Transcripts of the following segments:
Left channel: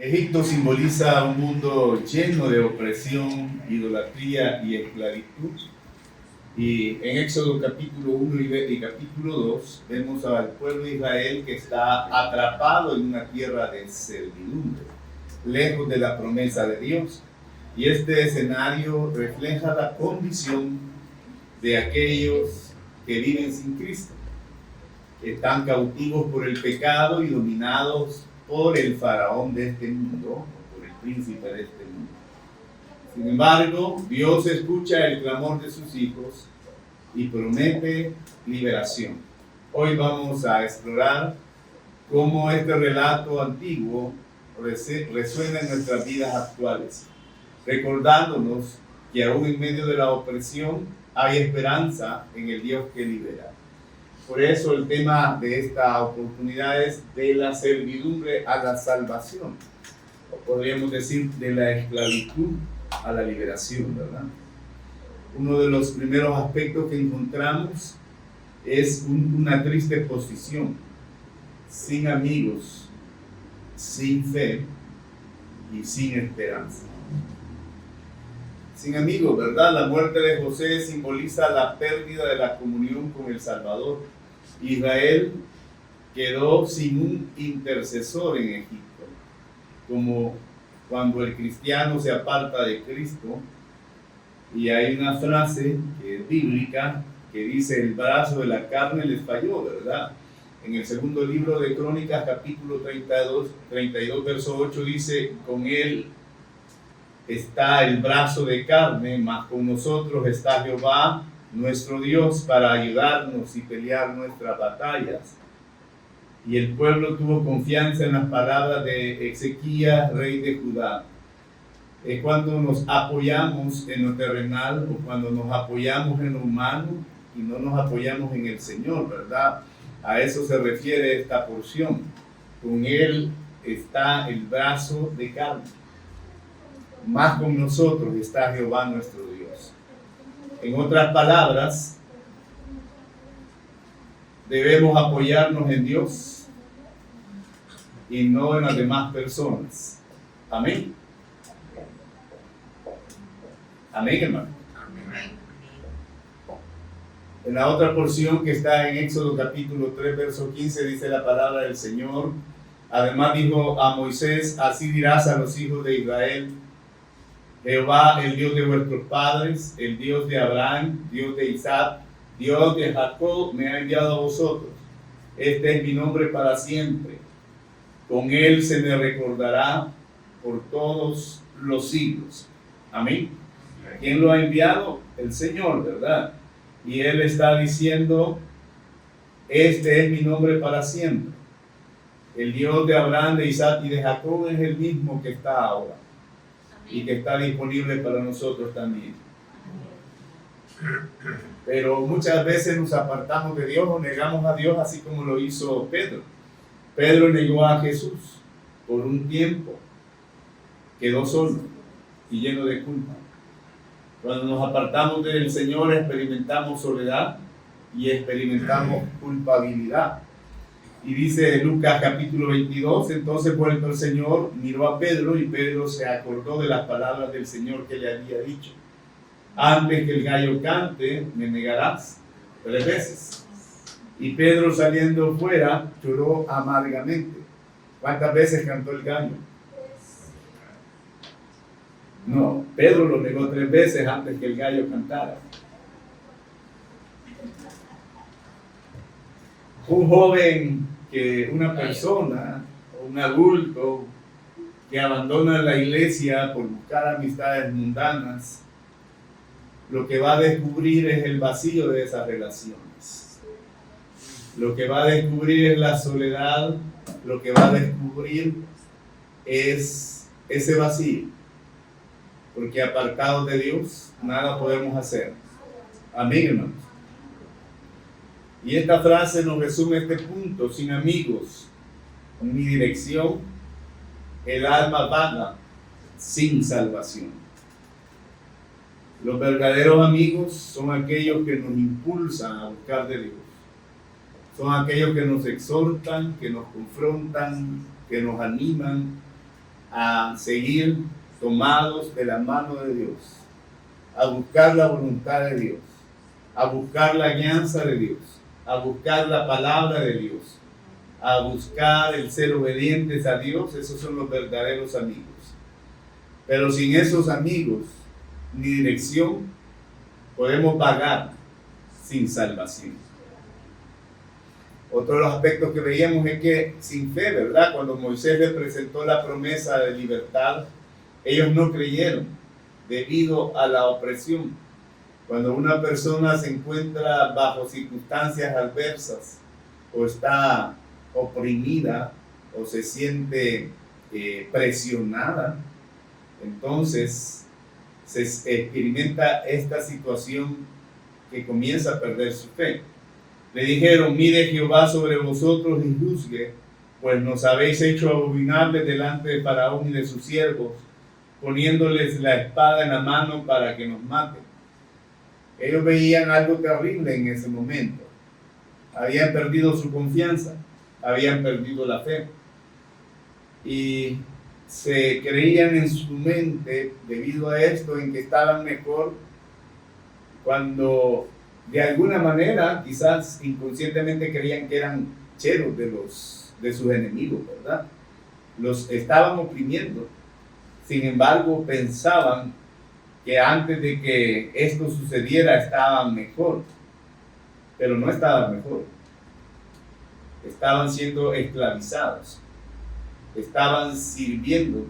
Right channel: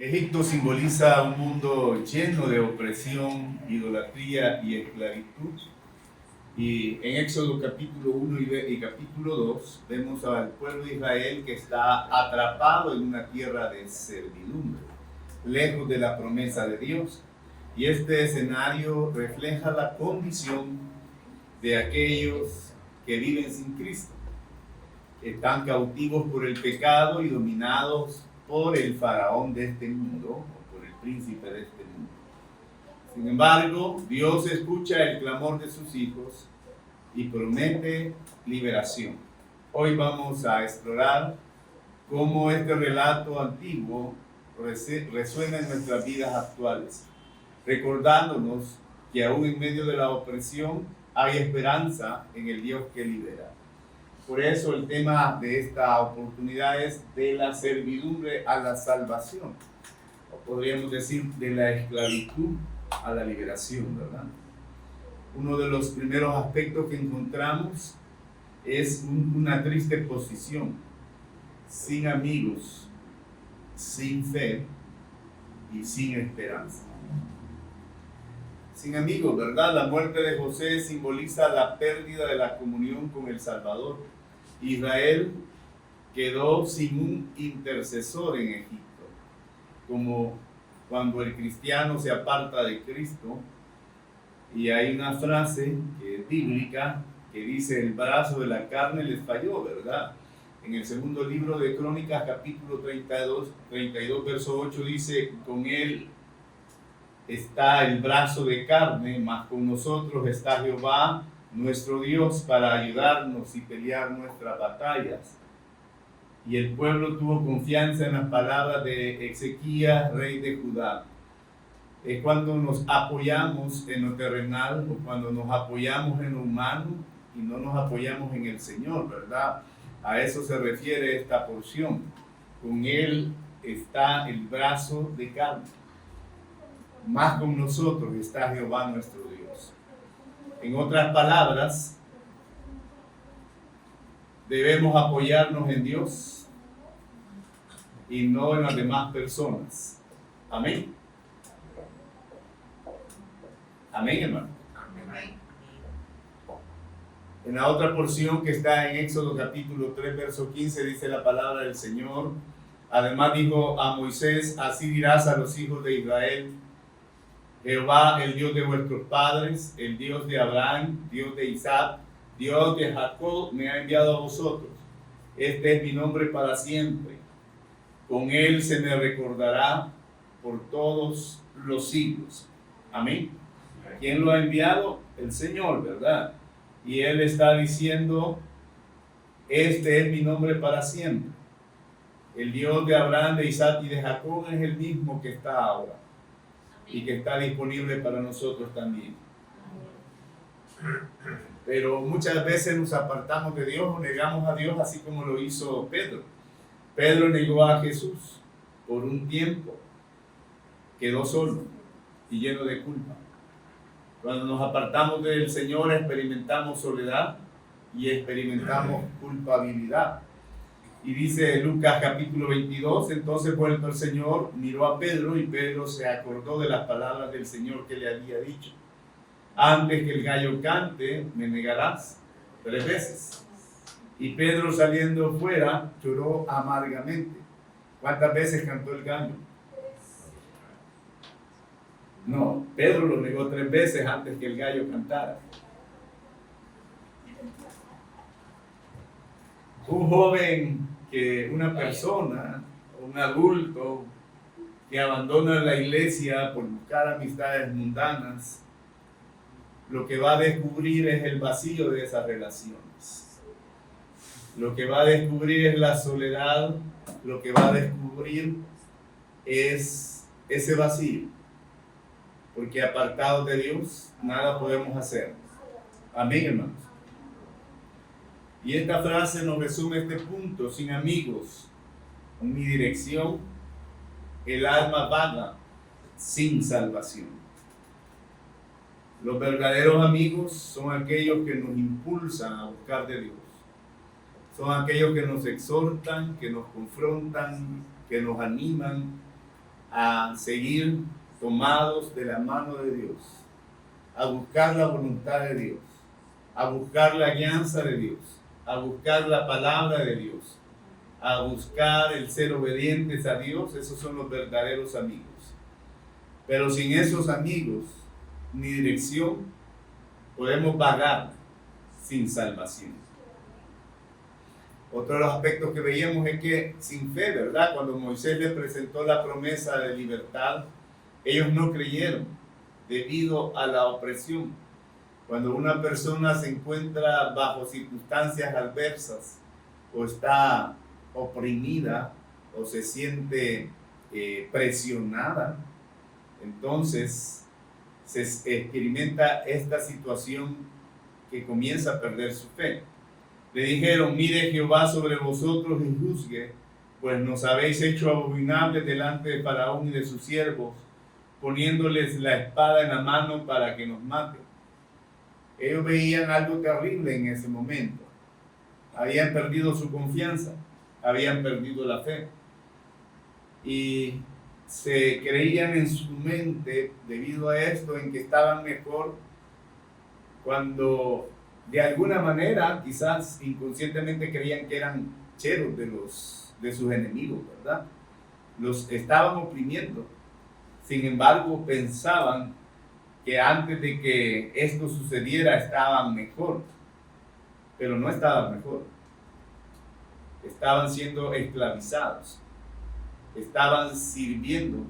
Egipto simboliza un mundo lleno de opresión, idolatría y esclavitud. Y en Éxodo capítulo 1 y capítulo 2 vemos al pueblo de Israel que está atrapado en una tierra de servidumbre, lejos de la promesa de Dios. Y este escenario refleja la condición de aquellos que viven sin Cristo. Están cautivos por el pecado y dominados por el faraón de este mundo, por el príncipe de este mundo. Sin embargo, Dios escucha el clamor de sus hijos y promete liberación. Hoy vamos a explorar cómo este relato antiguo resuena en nuestras vidas actuales, recordándonos que aún en medio de la opresión hay esperanza en el Dios que libera. Por eso el tema de esta oportunidad es de la servidumbre a la salvación, o podríamos decir de la esclavitud a la liberación, ¿verdad? Uno de los primeros aspectos que encontramos es una triste posición, sin amigos, sin fe y sin esperanza. Sin amigos, ¿verdad? La muerte de José simboliza la pérdida de la comunión con el Salvador. Israel quedó sin un intercesor en Egipto, como cuando el cristiano se aparta de Cristo. Y hay una frase que es bíblica que dice: el brazo de la carne les falló, ¿verdad? En el segundo libro de Crónicas, capítulo 32, verso 8, dice: con él está el brazo de carne, mas con nosotros está Jehová nuestro Dios para ayudarnos y pelear nuestras batallas. Y el pueblo tuvo confianza en las palabras de Ezequías, rey de Judá. Es cuando nos apoyamos en lo terrenal o cuando nos apoyamos en lo humano y no nos apoyamos en el Señor, ¿verdad? A eso se refiere esta porción. Con Él está el brazo de carne, más con nosotros está Jehová nuestro Dios. En otras palabras, debemos apoyarnos en Dios y no en las demás personas. Amén. Amén, hermano. Amén. En la otra porción que está en Éxodo capítulo 3, verso 15, dice la palabra del Señor. Además dijo a Moisés: así dirás a los hijos de Israel: Jehová, el Dios de vuestros padres, el Dios de Abraham, Dios de Isaac, Dios de Jacob, me ha enviado a vosotros. Este es mi nombre para siempre. Con él se me recordará por todos los siglos. Amén. ¿Quién lo ha enviado? El Señor, ¿verdad? Y él está diciendo: este es mi nombre para siempre. El Dios de Abraham, de Isaac y de Jacob es el mismo que está ahora y que está disponible para nosotros también. Pero muchas veces nos apartamos de Dios o negamos a Dios, así como lo hizo Pedro. Pedro negó a Jesús por un tiempo, quedó solo y lleno de culpa. Cuando nos apartamos del Señor, experimentamos soledad y experimentamos culpabilidad. Y dice Lucas capítulo 22, entonces vuelto el Señor, miró a Pedro y Pedro se acordó de las palabras del Señor que le había dicho: antes que el gallo cante, me negarás 3 veces. Y Pedro, saliendo fuera, lloró amargamente. ¿Cuántas veces cantó el gallo? No, Pedro lo negó 3 veces antes que el gallo cantara. Un joven, una persona, un adulto que abandona la iglesia por buscar amistades mundanas, lo que va a descubrir es el vacío de esas relaciones. Lo que va a descubrir es la soledad, lo que va a descubrir es ese vacío. Porque apartados de Dios, nada podemos hacer. Amén, hermanos. Y esta frase nos resume este punto: sin amigos, ni dirección, el alma vaga, sin salvación. Los verdaderos amigos son aquellos que nos impulsan a buscar de Dios. Son aquellos que nos exhortan, que nos confrontan, que nos animan, a seguir tomados de la mano de Dios, a buscar la voluntad de Dios, a buscar la guianza de Dios, a buscar la palabra de Dios, a buscar el ser obedientes a Dios. Esos son los verdaderos amigos. Pero sin esos amigos ni dirección, podemos vagar sin salvación. Otro de los aspectos que veíamos es que sin fe, ¿verdad? Cuando Moisés le presentó la promesa de libertad, ellos no creyeron debido a la opresión. Cuando una persona se encuentra bajo circunstancias adversas o está oprimida o se siente presionada, entonces se experimenta esta situación que comienza a perder su fe. Le dijeron: mire Jehová sobre vosotros y juzgue, pues nos habéis hecho abominables delante de Faraón y de sus siervos, poniéndoles la espada en la mano para que nos maten. Ellos veían algo terrible en ese momento. Habían perdido su confianza, habían perdido la fe. Y se creían en su mente, debido a esto, en que estaban mejor, cuando de alguna manera, quizás inconscientemente, creían que eran cheros de sus enemigos, ¿verdad? Los estaban oprimiendo. Sin embargo, pensaban que antes de que esto sucediera estaban mejor, pero no estaban mejor. Estaban siendo esclavizados, estaban sirviendo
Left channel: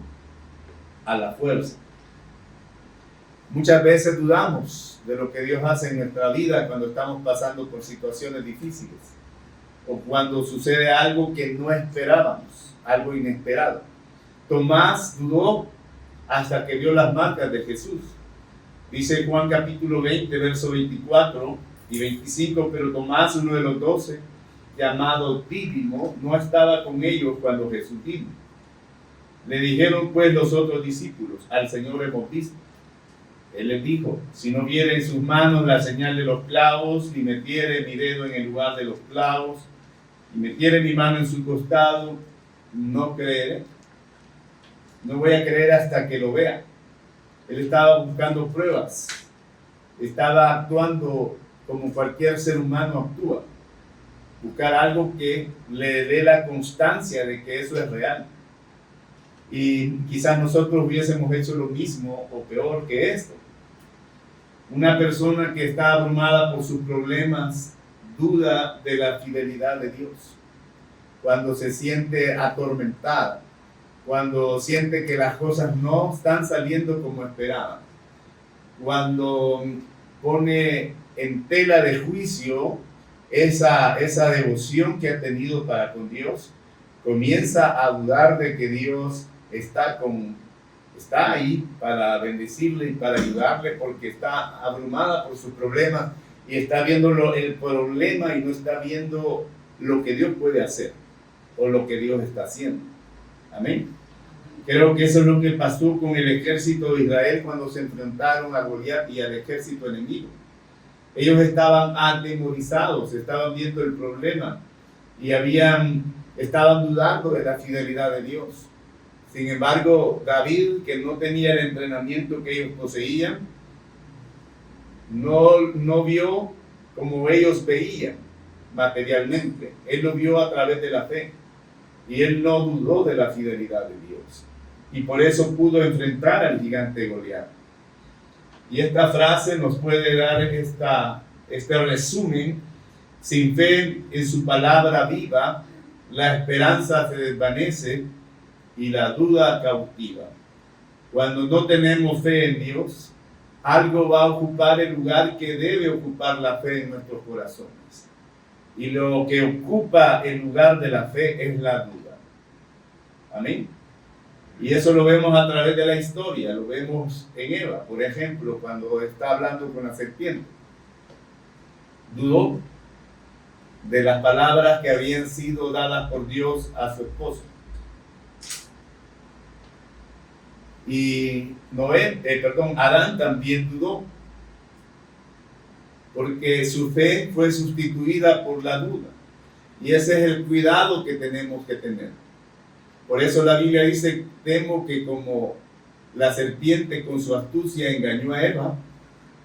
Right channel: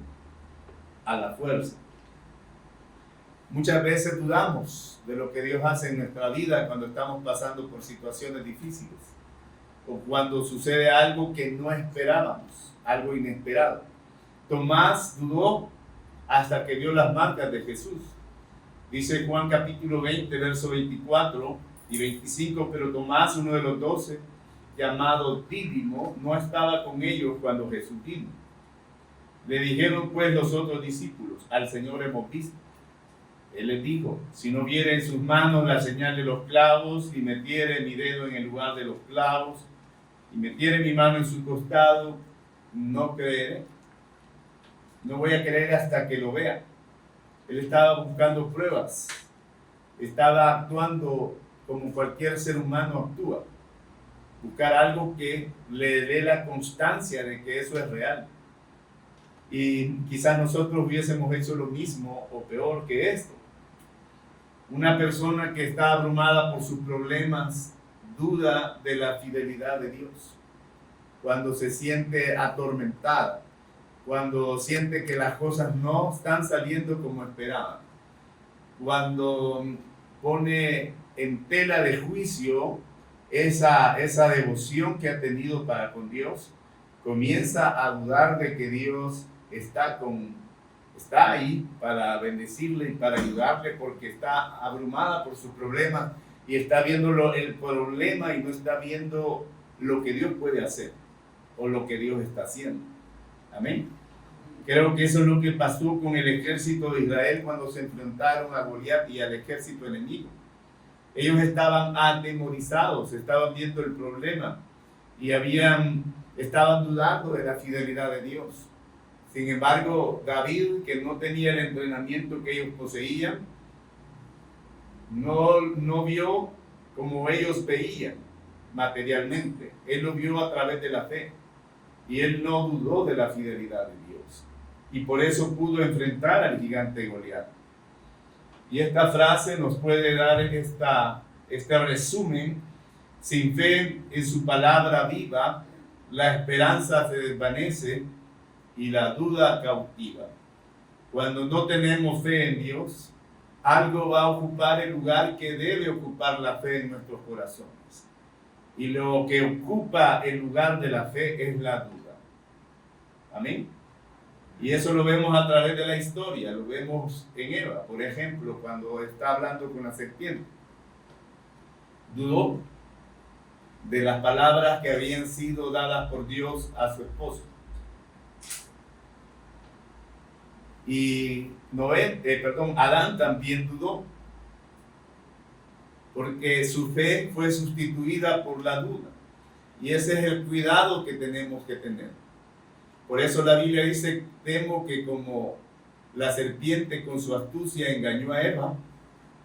a la fuerza. Muchas veces dudamos de lo que Dios hace en nuestra vida cuando estamos pasando por situaciones difíciles o cuando sucede algo que no esperábamos, algo inesperado. Tomás dudó hasta que vio las marcas de Jesús. Dice Juan capítulo 20, verso 24 y 25, pero Tomás, uno de los 12, llamado Dídimo, no estaba con ellos cuando Jesús vino. Le dijeron pues los otros discípulos: al Señor hemos visto. Él les dijo: si no viere en sus manos la señal de los clavos, y metiere mi dedo en el lugar de los clavos, y metiere mi mano en su costado, no creeré. No voy a creer hasta que lo vea. Él estaba buscando pruebas, estaba actuando como cualquier ser humano actúa, buscar algo que le dé la constancia de que eso es real. Y quizás nosotros hubiésemos hecho lo mismo o peor que esto. Una persona que está abrumada por sus problemas duda de la fidelidad de Dios. Cuando se siente atormentada, cuando siente que las cosas no están saliendo como esperaban, cuando pone en tela de juicio esa devoción que ha tenido para con Dios, comienza a dudar de que Dios está ahí para bendecirle y para ayudarle, porque está abrumada por sus problemas y está viendo el problema y no está viendo lo que Dios puede hacer o lo que Dios está haciendo. Amén. Creo que eso es lo que pasó con el ejército de Israel cuando se enfrentaron a Goliat y al ejército enemigo. Ellos estaban atemorizados, estaban viendo el problema y estaban dudando de la fidelidad de Dios. Sin embargo, David, que no tenía el entrenamiento que ellos poseían, no vio como ellos veían materialmente. Él lo vio a través de la fe y él no dudó de la fidelidad de Dios. Y por eso pudo enfrentar al gigante Goliat. Y esta frase nos puede dar este resumen: sin fe en su palabra viva, la esperanza se desvanece y la duda cautiva. Cuando no tenemos fe en Dios, algo va a ocupar el lugar que debe ocupar la fe en nuestros corazones. Y lo que ocupa el lugar de la fe es la duda. Amén. Y eso lo vemos a través de la historia, lo vemos en Eva, por ejemplo, cuando está hablando con la serpiente. Dudó de las palabras que habían sido dadas por Dios a su esposo. Y Adán también dudó, porque su fe fue sustituida por la duda. Y ese es el cuidado que tenemos que tener. Por eso la Biblia dice, temo que como la serpiente con su astucia engañó a Eva,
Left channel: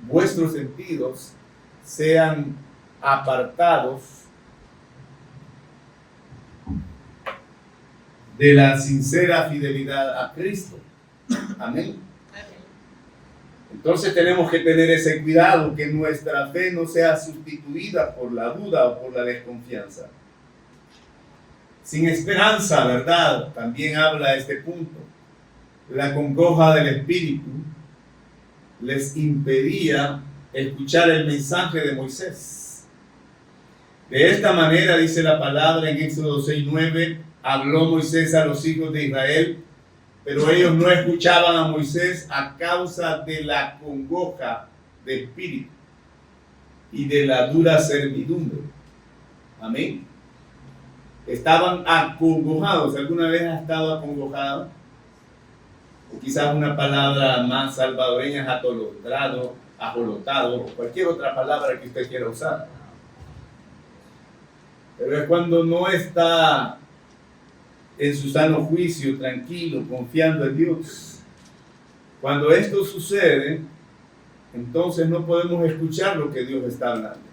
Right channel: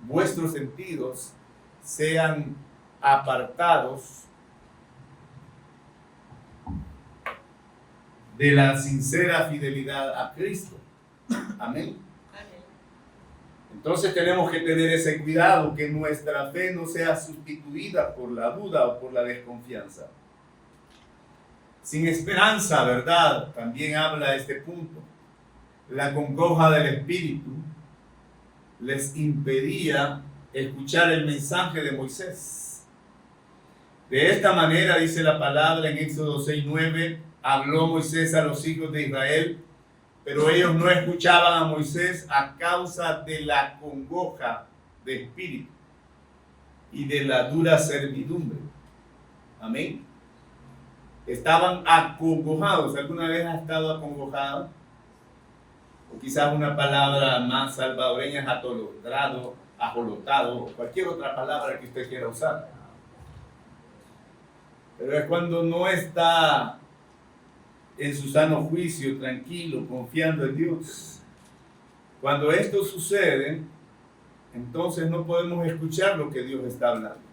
vuestros sentidos sean apartados de la sincera fidelidad a Cristo. Amén. Entonces tenemos que tener ese cuidado, que nuestra fe no sea sustituida por la duda o por la desconfianza. Sin esperanza, ¿verdad? También habla este punto. La congoja del espíritu les impedía escuchar el mensaje de Moisés. De esta manera, dice la palabra en Éxodo 6:9, habló Moisés a los hijos de Israel, pero ellos no escuchaban a Moisés a causa de la congoja del espíritu y de la dura servidumbre. Amén. Estaban acongojados. ¿Alguna vez has estado acongojado? O quizás una palabra más salvadoreña es atolondrado, ajolotado, o cualquier otra palabra que usted quiera usar. Pero es cuando no está en su sano juicio, tranquilo, confiando en Dios. Cuando esto sucede, entonces no podemos escuchar lo que Dios está hablando,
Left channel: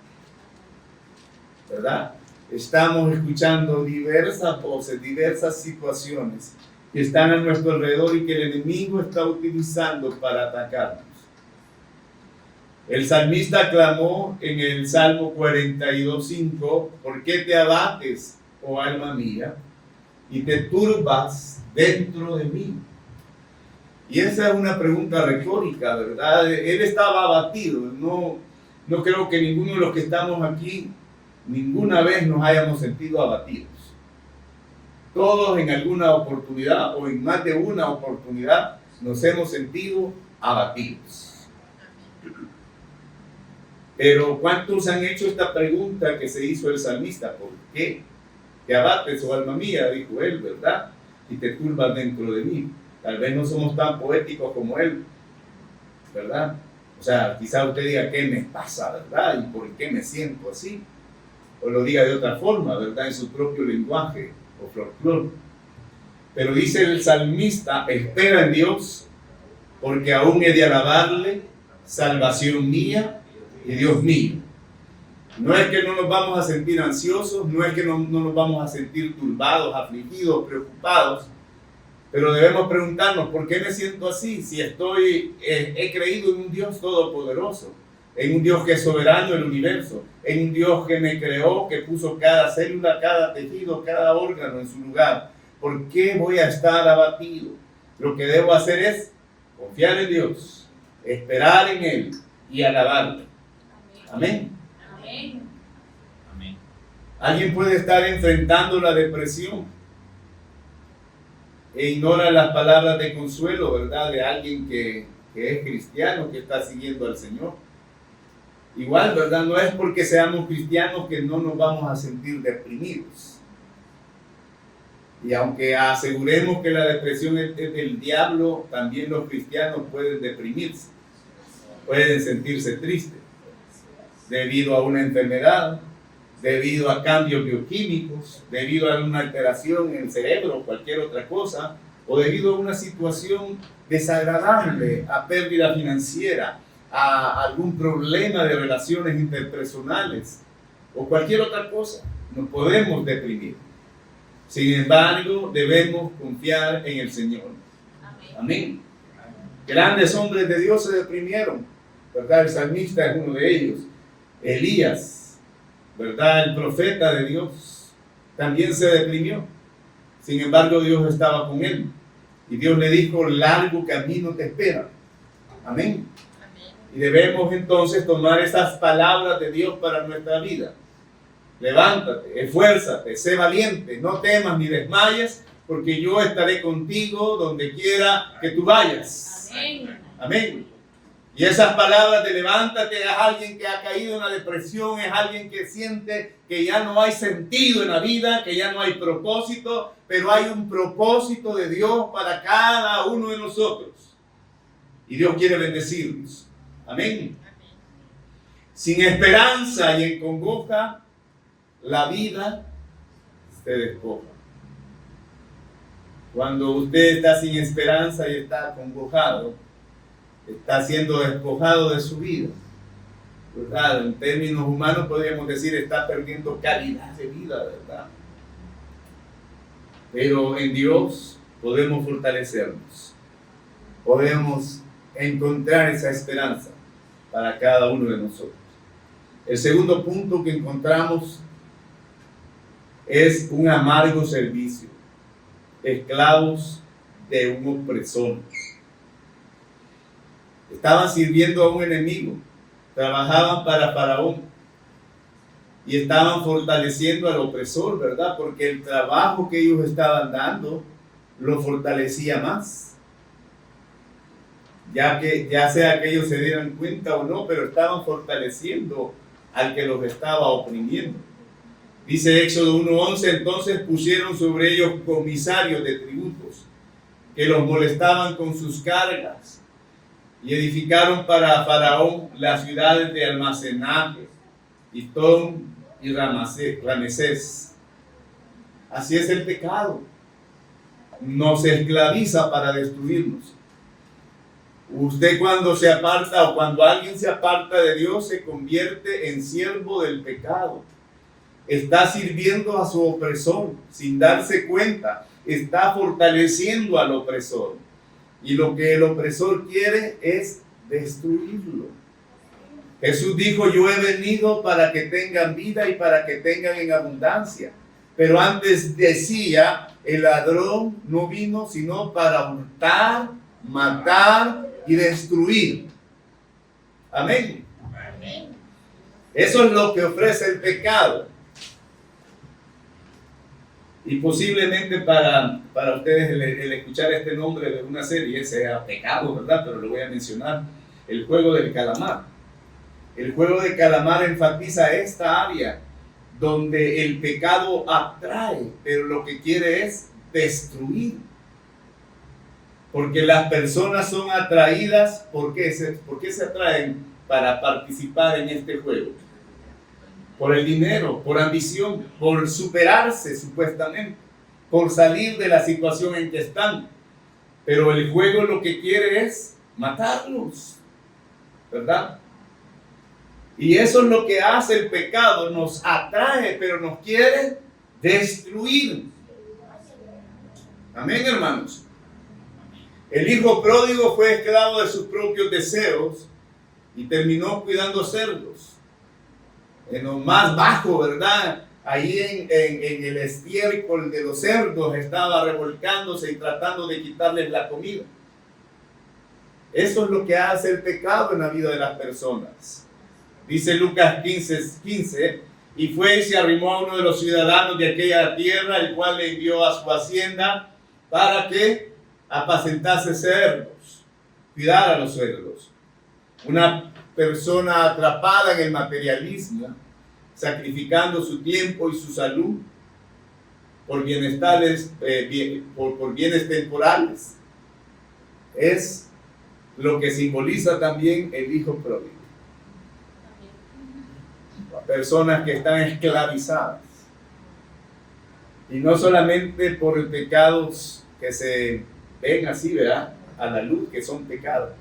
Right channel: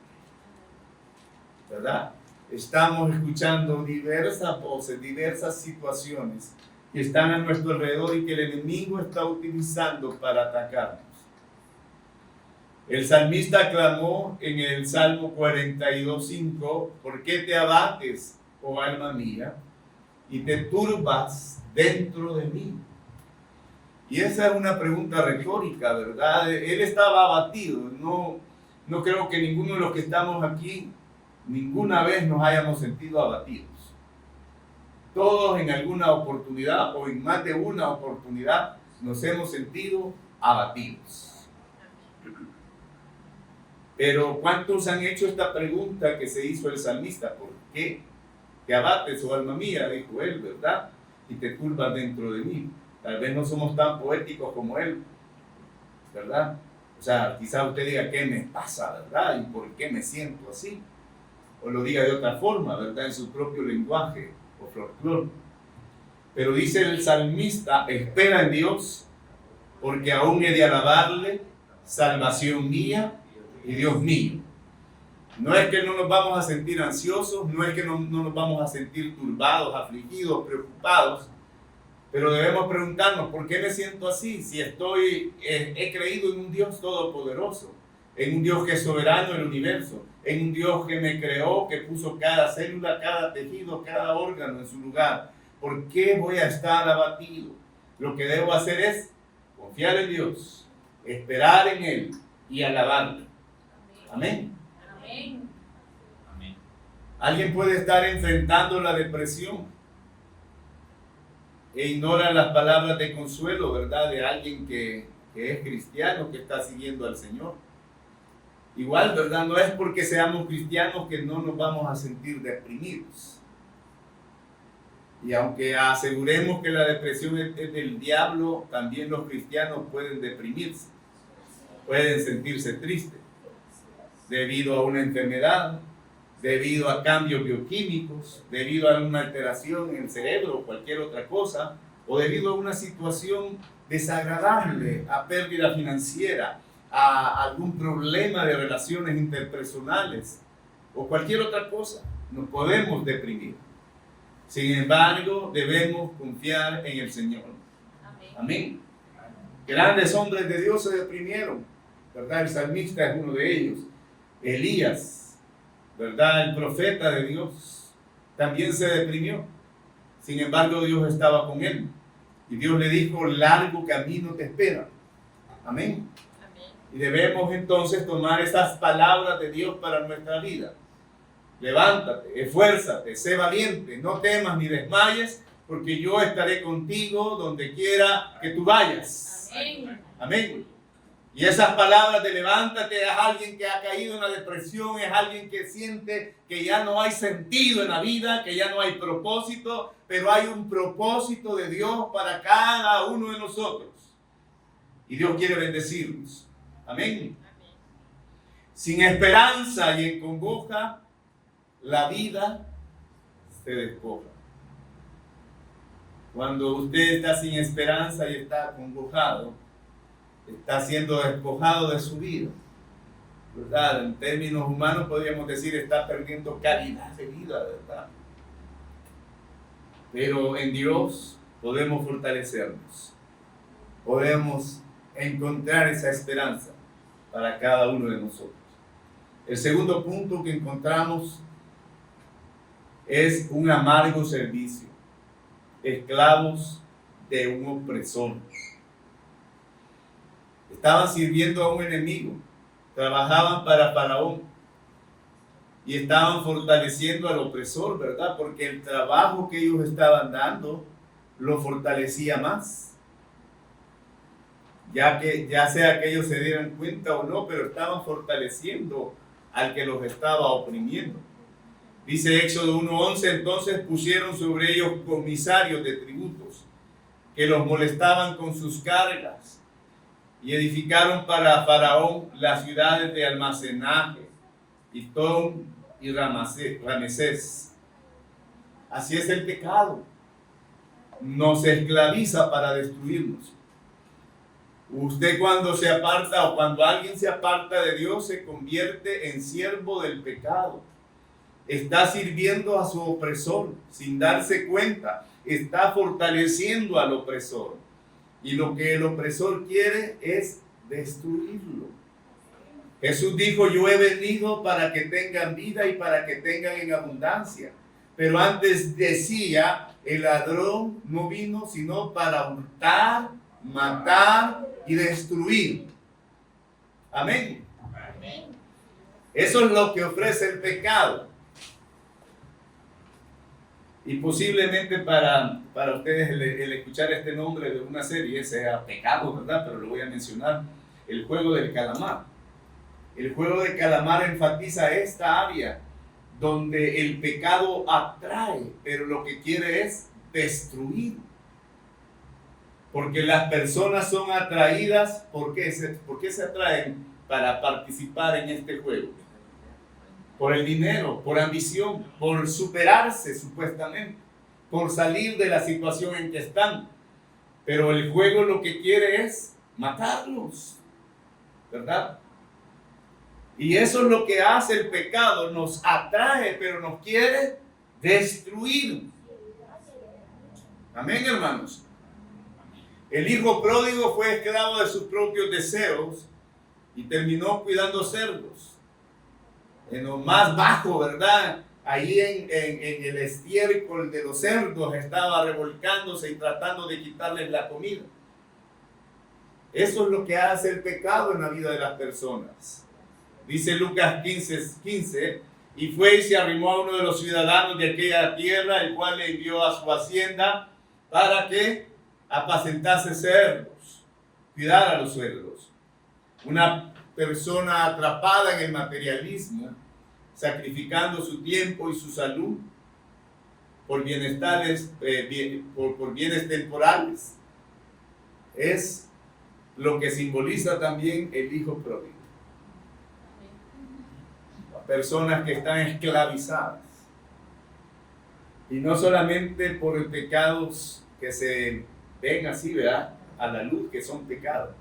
¿verdad? Estamos escuchando diversas voces, diversas situaciones que están a nuestro alrededor y que el enemigo está utilizando para atacarnos. El salmista clamó en el Salmo 42:5, ¿por qué te abates, oh alma mía, y te turbas dentro de mí? Y esa es una pregunta retórica, ¿verdad? Él estaba abatido. No creo que ninguno de los que estamos aquí ninguna vez nos hayamos sentido abatidos. Todos en alguna oportunidad o en más de una oportunidad nos hemos sentido abatidos. Pero ¿cuántos han hecho esta pregunta que se hizo el salmista? ¿Por qué te abates, oh alma mía? Dijo él, ¿verdad? Y te turbas dentro de mí. Tal vez no somos tan poéticos como él, ¿verdad? O sea, quizá usted diga, ¿qué me pasa, verdad? ¿Y por qué me siento así? O lo diga de otra forma, ¿verdad? En su propio lenguaje o folclore. Pero dice el salmista, espera en Dios, porque aún he de alabarle, salvación mía y Dios mío. No es que no nos vamos a sentir ansiosos, no es que no nos vamos a sentir turbados, afligidos, preocupados, pero debemos preguntarnos, ¿por qué me siento así? Si he creído en un Dios todopoderoso, en un Dios que es soberano del universo, en un Dios que me creó, que puso cada célula, cada tejido, cada órgano en su lugar. ¿Por qué voy a estar abatido? Lo que debo hacer es confiar en Dios, esperar en Él y alabarle. Amén. Amén. Amén. Alguien puede estar enfrentando la depresión e ignora las palabras de consuelo, ¿verdad? De alguien que es cristiano, que está siguiendo al Señor. Igual, ¿verdad? No es porque seamos cristianos que no nos vamos a sentir deprimidos. Y aunque aseguremos que la depresión es del diablo, también los cristianos pueden deprimirse, pueden sentirse tristes debido a una enfermedad, debido a cambios bioquímicos, debido a una alteración en el cerebro o cualquier otra cosa, o debido a una situación desagradable, a pérdida financiera, a algún problema de relaciones interpersonales o cualquier otra cosa. Nos podemos deprimir. Sin embargo, debemos confiar en el Señor. Amén. Grandes hombres de Dios se deprimieron, ¿verdad? El salmista es uno de ellos. Elías, ¿verdad? El profeta de Dios también se deprimió. Sin embargo, Dios estaba con él. Y Dios le dijo, largo camino te espera. Amén. Y debemos entonces tomar esas palabras de Dios para nuestra vida. Levántate, esfuérzate, sé valiente, no temas ni desmayes, porque yo estaré contigo donde quiera que tú vayas. Amén. Amén. Y esas palabras de levántate es alguien que ha caído en la depresión, es alguien que siente que ya no hay sentido en la vida, que ya no hay propósito, pero hay un propósito de Dios para cada uno de nosotros. Y Dios quiere bendecirnos. Amén. Sin esperanza y en congoja, la vida se despoja. Cuando usted está sin esperanza y está acongojado, está siendo despojado de su vida, ¿verdad? En términos humanos podríamos decir está perdiendo calidad de vida, ¿verdad? Pero en Dios podemos fortalecernos, podemos encontrar esa esperanza para cada uno de nosotros. El segundo punto que encontramos es un amargo servicio, esclavos de un opresor. Estaban sirviendo a un enemigo, trabajaban para Faraón y estaban fortaleciendo al opresor, ¿verdad? Porque el trabajo que ellos estaban dando lo fortalecía más. Ya sea que ellos se dieran cuenta o no, pero estaban fortaleciendo al que los estaba oprimiendo. Dice Éxodo 1:11, entonces pusieron sobre ellos comisarios de tributos que los molestaban con sus cargas y edificaron para Faraón las ciudades de almacenaje, Pitón y Ramesés. Así es el pecado. Nos esclaviza para destruirnos. Usted cuando se aparta o cuando alguien se aparta de Dios se convierte en siervo del pecado. Está sirviendo a su opresor sin darse cuenta. Está fortaleciendo al opresor. Y lo que el opresor quiere es destruirlo. Jesús dijo, yo he venido para que tengan vida y para que tengan en abundancia. Pero antes decía, el ladrón no vino sino para hurtar, matar y destruir. Amén. Eso es lo que ofrece el pecado. Y posiblemente para ustedes el escuchar este nombre de una serie sea pecado, ¿verdad? Pero lo voy a mencionar, el juego del calamar. El juego del calamar enfatiza esta área donde el pecado atrae, pero lo que quiere es destruir. Porque las personas son atraídas, ¿por qué se atraen para participar en este juego? Por el dinero, por ambición, por superarse supuestamente, por salir de la situación en que están. Pero el juego lo que quiere es matarlos, ¿verdad? Y eso es lo que hace el pecado, nos atrae, pero nos quiere destruir. Amén, hermanos. El hijo pródigo fue esclavo de sus propios deseos y terminó cuidando cerdos. En lo más bajo, ¿verdad? Allí en el estiércol de los cerdos estaba revolcándose y tratando de quitarles la comida. Eso es lo que hace el pecado en la vida de las personas. Dice Lucas 15:15, y fue y se arrimó a uno de los ciudadanos de aquella tierra, el cual le envió a su hacienda para que apacentase cerdos, cuidar a los cerdos. Una persona atrapada en el materialismo, sacrificando su tiempo y su salud por bienes temporales, es lo que simboliza también el hijo pródigo. Personas que están esclavizadas, y no solamente por pecados que se ven así, ¿verdad?, a la luz, que son pecados.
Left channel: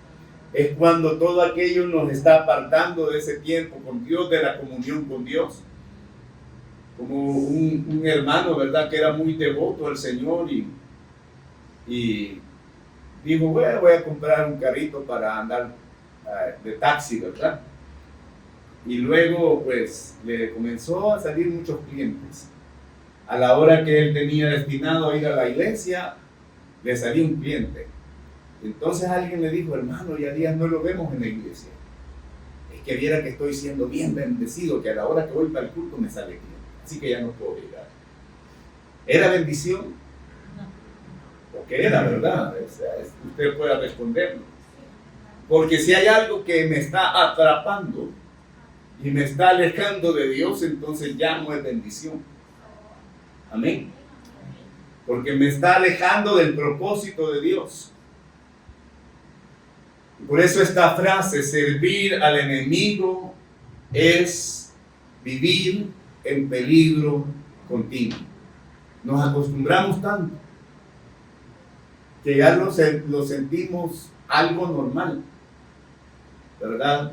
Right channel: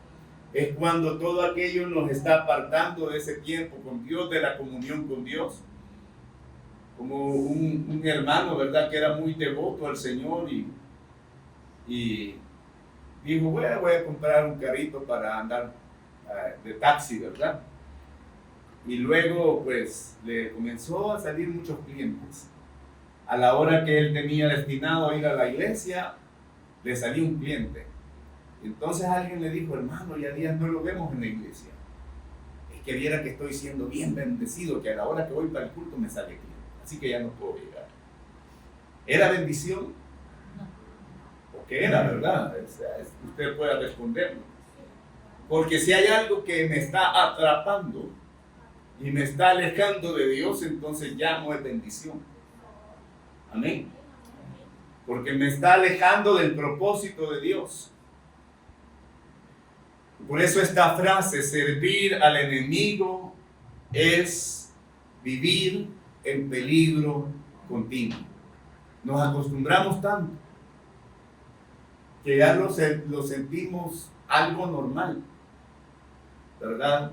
Es cuando todo aquello nos está apartando de ese tiempo con Dios, de la comunión con Dios. Como un hermano, ¿verdad?, que era muy devoto al Señor y dijo, voy a comprar un carrito para andar de taxi, ¿verdad? Y luego pues le comenzó a salir muchos clientes. A la hora que él tenía destinado a ir a la iglesia, le salió un cliente. Entonces alguien le dijo, hermano, ya días no lo vemos en la iglesia. Es que viera que estoy siendo bien bendecido, que a la hora que voy para el culto me sale cliente. Así que ya no puedo llegar. ¿Era bendición? ¿O qué era, verdad? O sea, usted pueda responderme. Porque si hay algo que me está atrapando y me está alejando de Dios, entonces ya no es bendición. Amén. Porque me está alejando del propósito de Dios. Por eso esta frase, servir al enemigo, es vivir en peligro continuo. Nos acostumbramos tanto que ya lo sentimos algo normal, ¿verdad?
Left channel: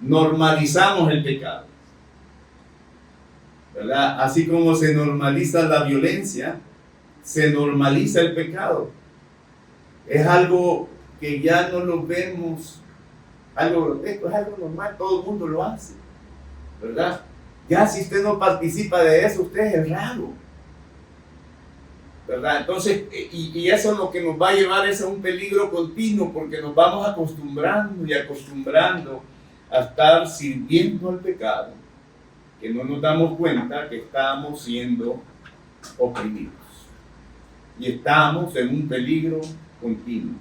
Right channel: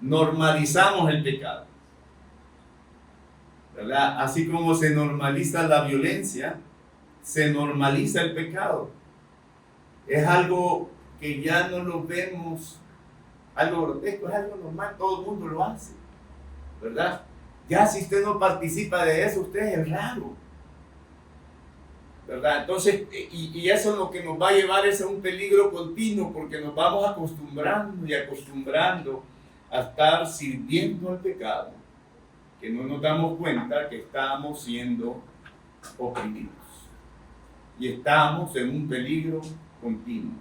Normalizamos el pecado, ¿verdad? Así como se normaliza la violencia, se normaliza el pecado. Es algo que ya no lo vemos algo grotesco, es algo normal, todo el mundo lo hace, ¿verdad? Ya si usted no participa de eso, usted es el raro, ¿verdad? Entonces, y eso es lo que nos va a llevar es a un peligro continuo, porque nos vamos acostumbrando y acostumbrando a estar sirviendo al pecado, que no nos damos cuenta que estamos siendo oprimidos y estamos en un peligro continuo.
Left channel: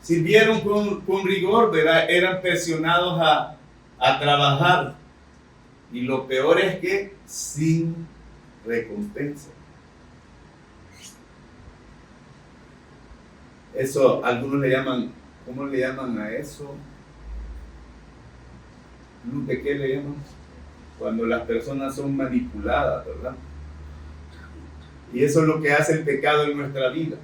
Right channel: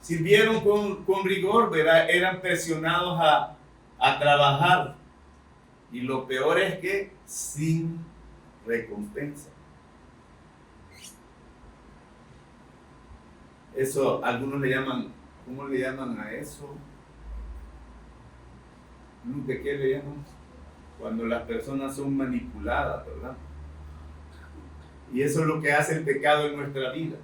Sirvieron con rigor, ¿verdad? Eran presionados a trabajar, y lo peor es que sin recompensa. Eso, algunos le llaman, ¿cómo le llaman a eso? ¿De qué le llaman? Cuando las personas son manipuladas, ¿verdad? Y eso es lo que hace el pecado en nuestra vida.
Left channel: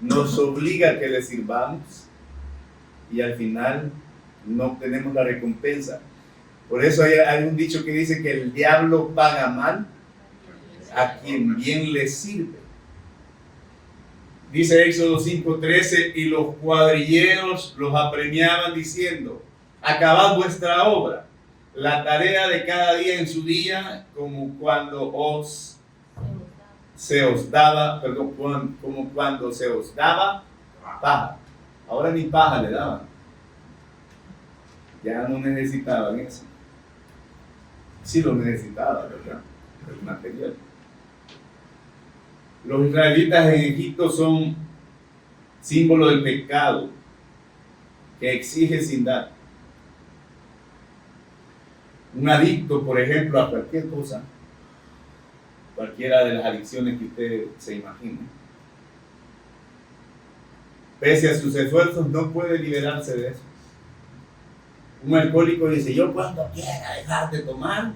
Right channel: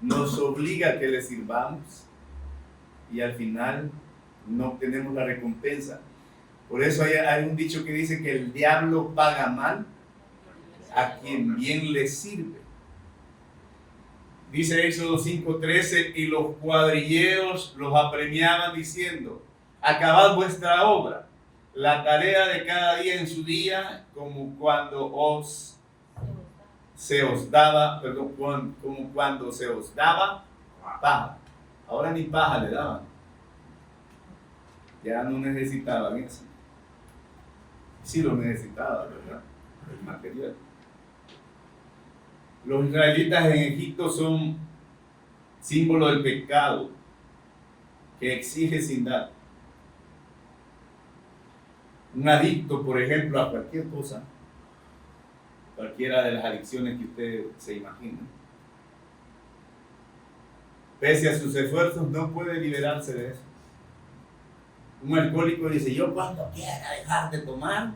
Nos obliga a que le sirvamos y al final no obtenemos la recompensa. Por eso hay un dicho que dice que el diablo paga mal a quien bien le sirve. Dice Éxodo 5:13, y los cuadrilleros los apremiaban diciendo: acabad vuestra obra, la tarea de cada día en su día, como cuando se os daba paja. Ahora ni paja le daban. Ya no necesitaban eso. Sí lo necesitaban, ¿verdad? El material. Los israelitas en Egipto son símbolo del pecado que exige sin dar. Un adicto, por ejemplo, a cualquier cosa, cualquiera de las adicciones que usted se imagine, pese a sus esfuerzos, no puede liberarse de eso. Un alcohólico dice: yo cuando quiera dejar de tomar,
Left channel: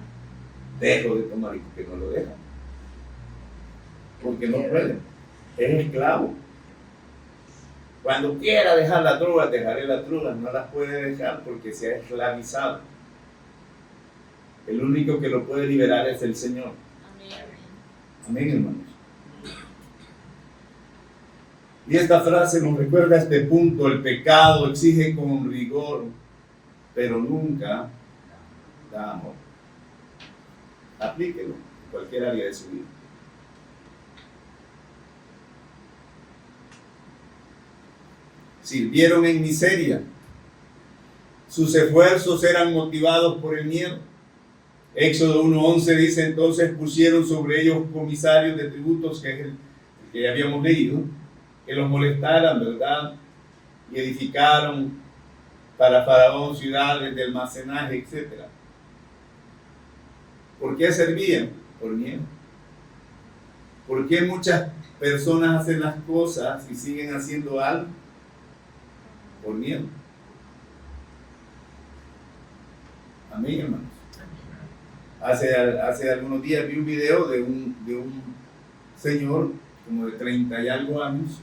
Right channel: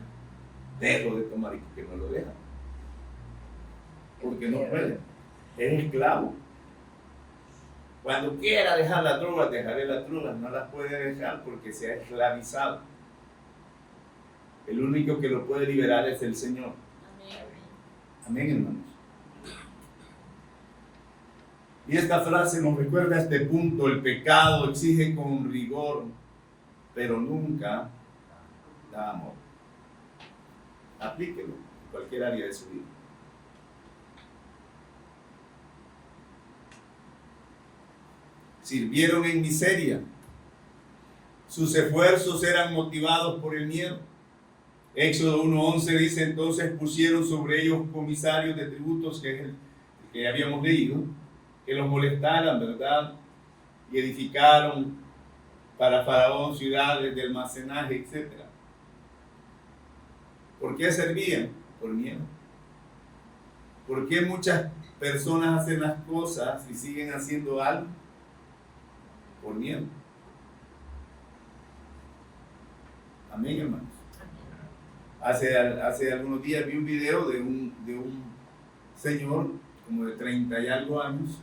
dejo de tomar, y porque no lo deja. Porque no puede. Es esclavo. Cuando quiera dejar las drogas, dejaré las drogas. No las puede dejar porque se ha esclavizado. El único que lo puede liberar es el Señor. Amén, hermanos. Y esta frase nos recuerda este punto: el pecado exige con rigor, pero nunca da amor. Aplíquelo en cualquier área de su vida. Sirvieron en miseria. Sus esfuerzos eran motivados por el miedo. Éxodo 1:11 dice: entonces pusieron sobre ellos comisarios de tributos, que es el que habíamos leído, que los molestaran, ¿verdad? Y edificaron para Faraón ciudades de almacenaje, etc. ¿Por qué servían? Por miedo. ¿Por qué muchas personas hacen las cosas y siguen haciendo algo? Por miedo. Amén, hermanos. Hace algunos días vi un video de un señor como de 30 y algo años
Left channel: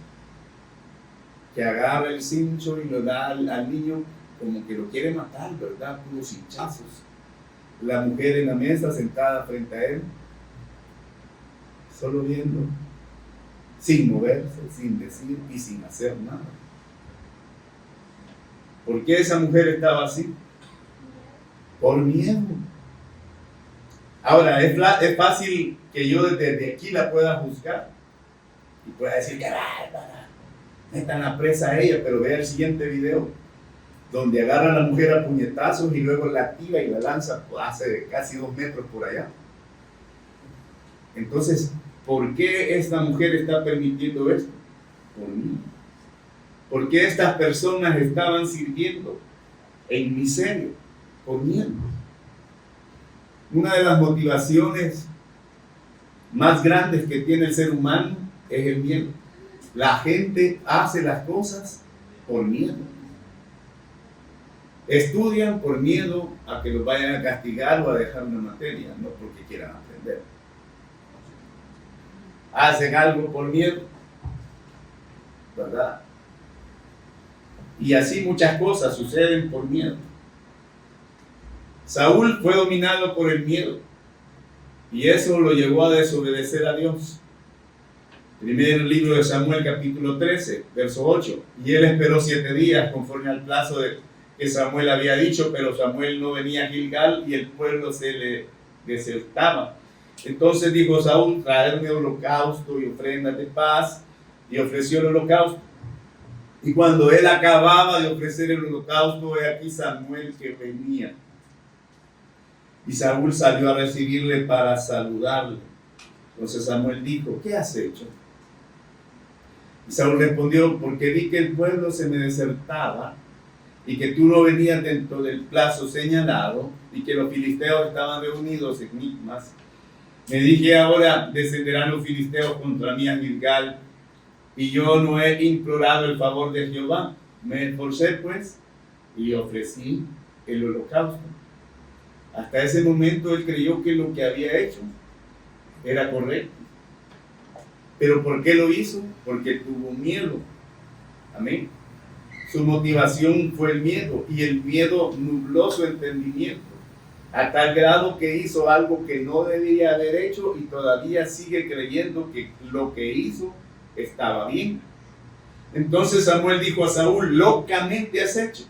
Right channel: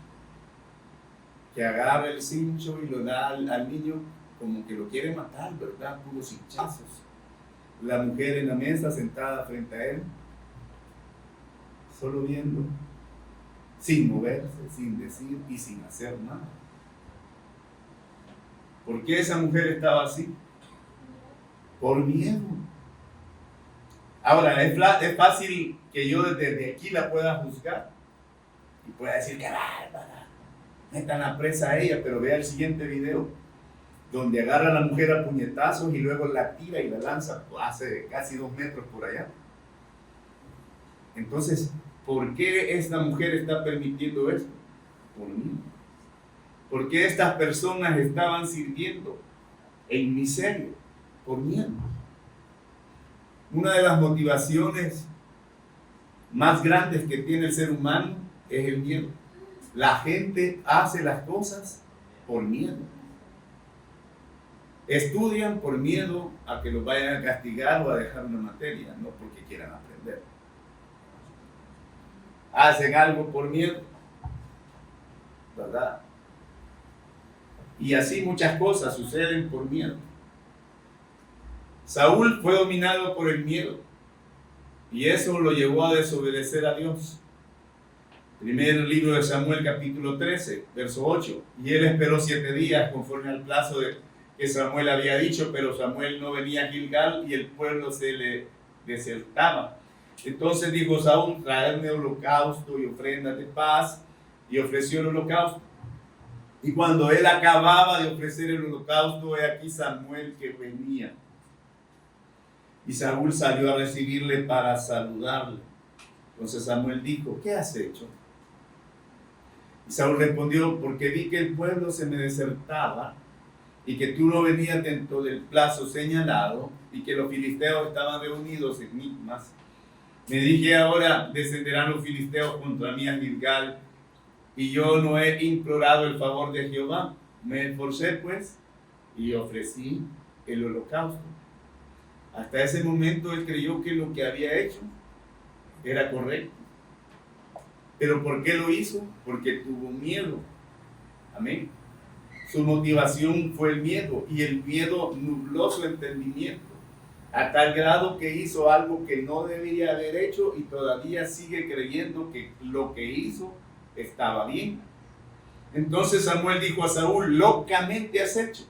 que agarra el cincho y lo da al niño como que lo quiere matar, ¿verdad? Puros hinchazos. La mujer en la mesa sentada frente a él, solo viendo, sin moverse, sin decir y sin hacer nada. ¿Por qué esa mujer estaba así? Por miedo. Ahora, es fácil que yo desde aquí la pueda juzgar y pueda decir: ¡qué bárbara! Metan la presa a ella. Pero vea el siguiente video, donde agarra a la mujer a puñetazos y luego la tira y la lanza hace casi 2 metros por allá. Entonces, ¿por qué esta mujer está permitiendo esto? Por mí. ¿Por qué estas personas estaban sirviendo en miseria? Por miedo. Una de las motivaciones más grandes que tiene el ser humano es el miedo. La gente hace las cosas por miedo. Estudian por miedo a que los vayan a castigar o a dejar una materia, no porque quieran aprender. Hacen algo por miedo ¿verdad? Y así muchas cosas suceden por miedo. Saúl fue dominado por el miedo y eso lo llevó a desobedecer a Dios. Primer libro de Samuel, capítulo 13, verso 8. Y él esperó 7 días conforme al plazo que Samuel había dicho, pero Samuel no venía a Gilgal y el pueblo se le desertaba. Entonces dijo Saúl: traedme holocausto y ofrendas de paz, y ofreció el holocausto. Y cuando él acababa de ofrecer el holocausto, he aquí Samuel que venía. Y Saúl salió a recibirle para saludarle. Entonces Samuel dijo: ¿qué has hecho? Y Saúl respondió: porque vi que el pueblo se me desertaba y que tú no venías dentro del plazo señalado y que los filisteos estaban reunidos en Micmas. Me dije: ahora descenderán los filisteos contra mí a Gilgal, y yo no he implorado el favor de Jehová. Me esforcé pues y ofrecí el holocausto. Hasta ese momento él creyó que lo que había hecho era correcto. ¿Pero por qué lo hizo? Porque tuvo miedo. Amén. Su motivación fue el miedo, y el miedo nubló su entendimiento a tal grado que hizo algo que no debía haber hecho y todavía sigue creyendo que lo que hizo estaba bien. Entonces Samuel dijo a Saúl: locamente has hecho.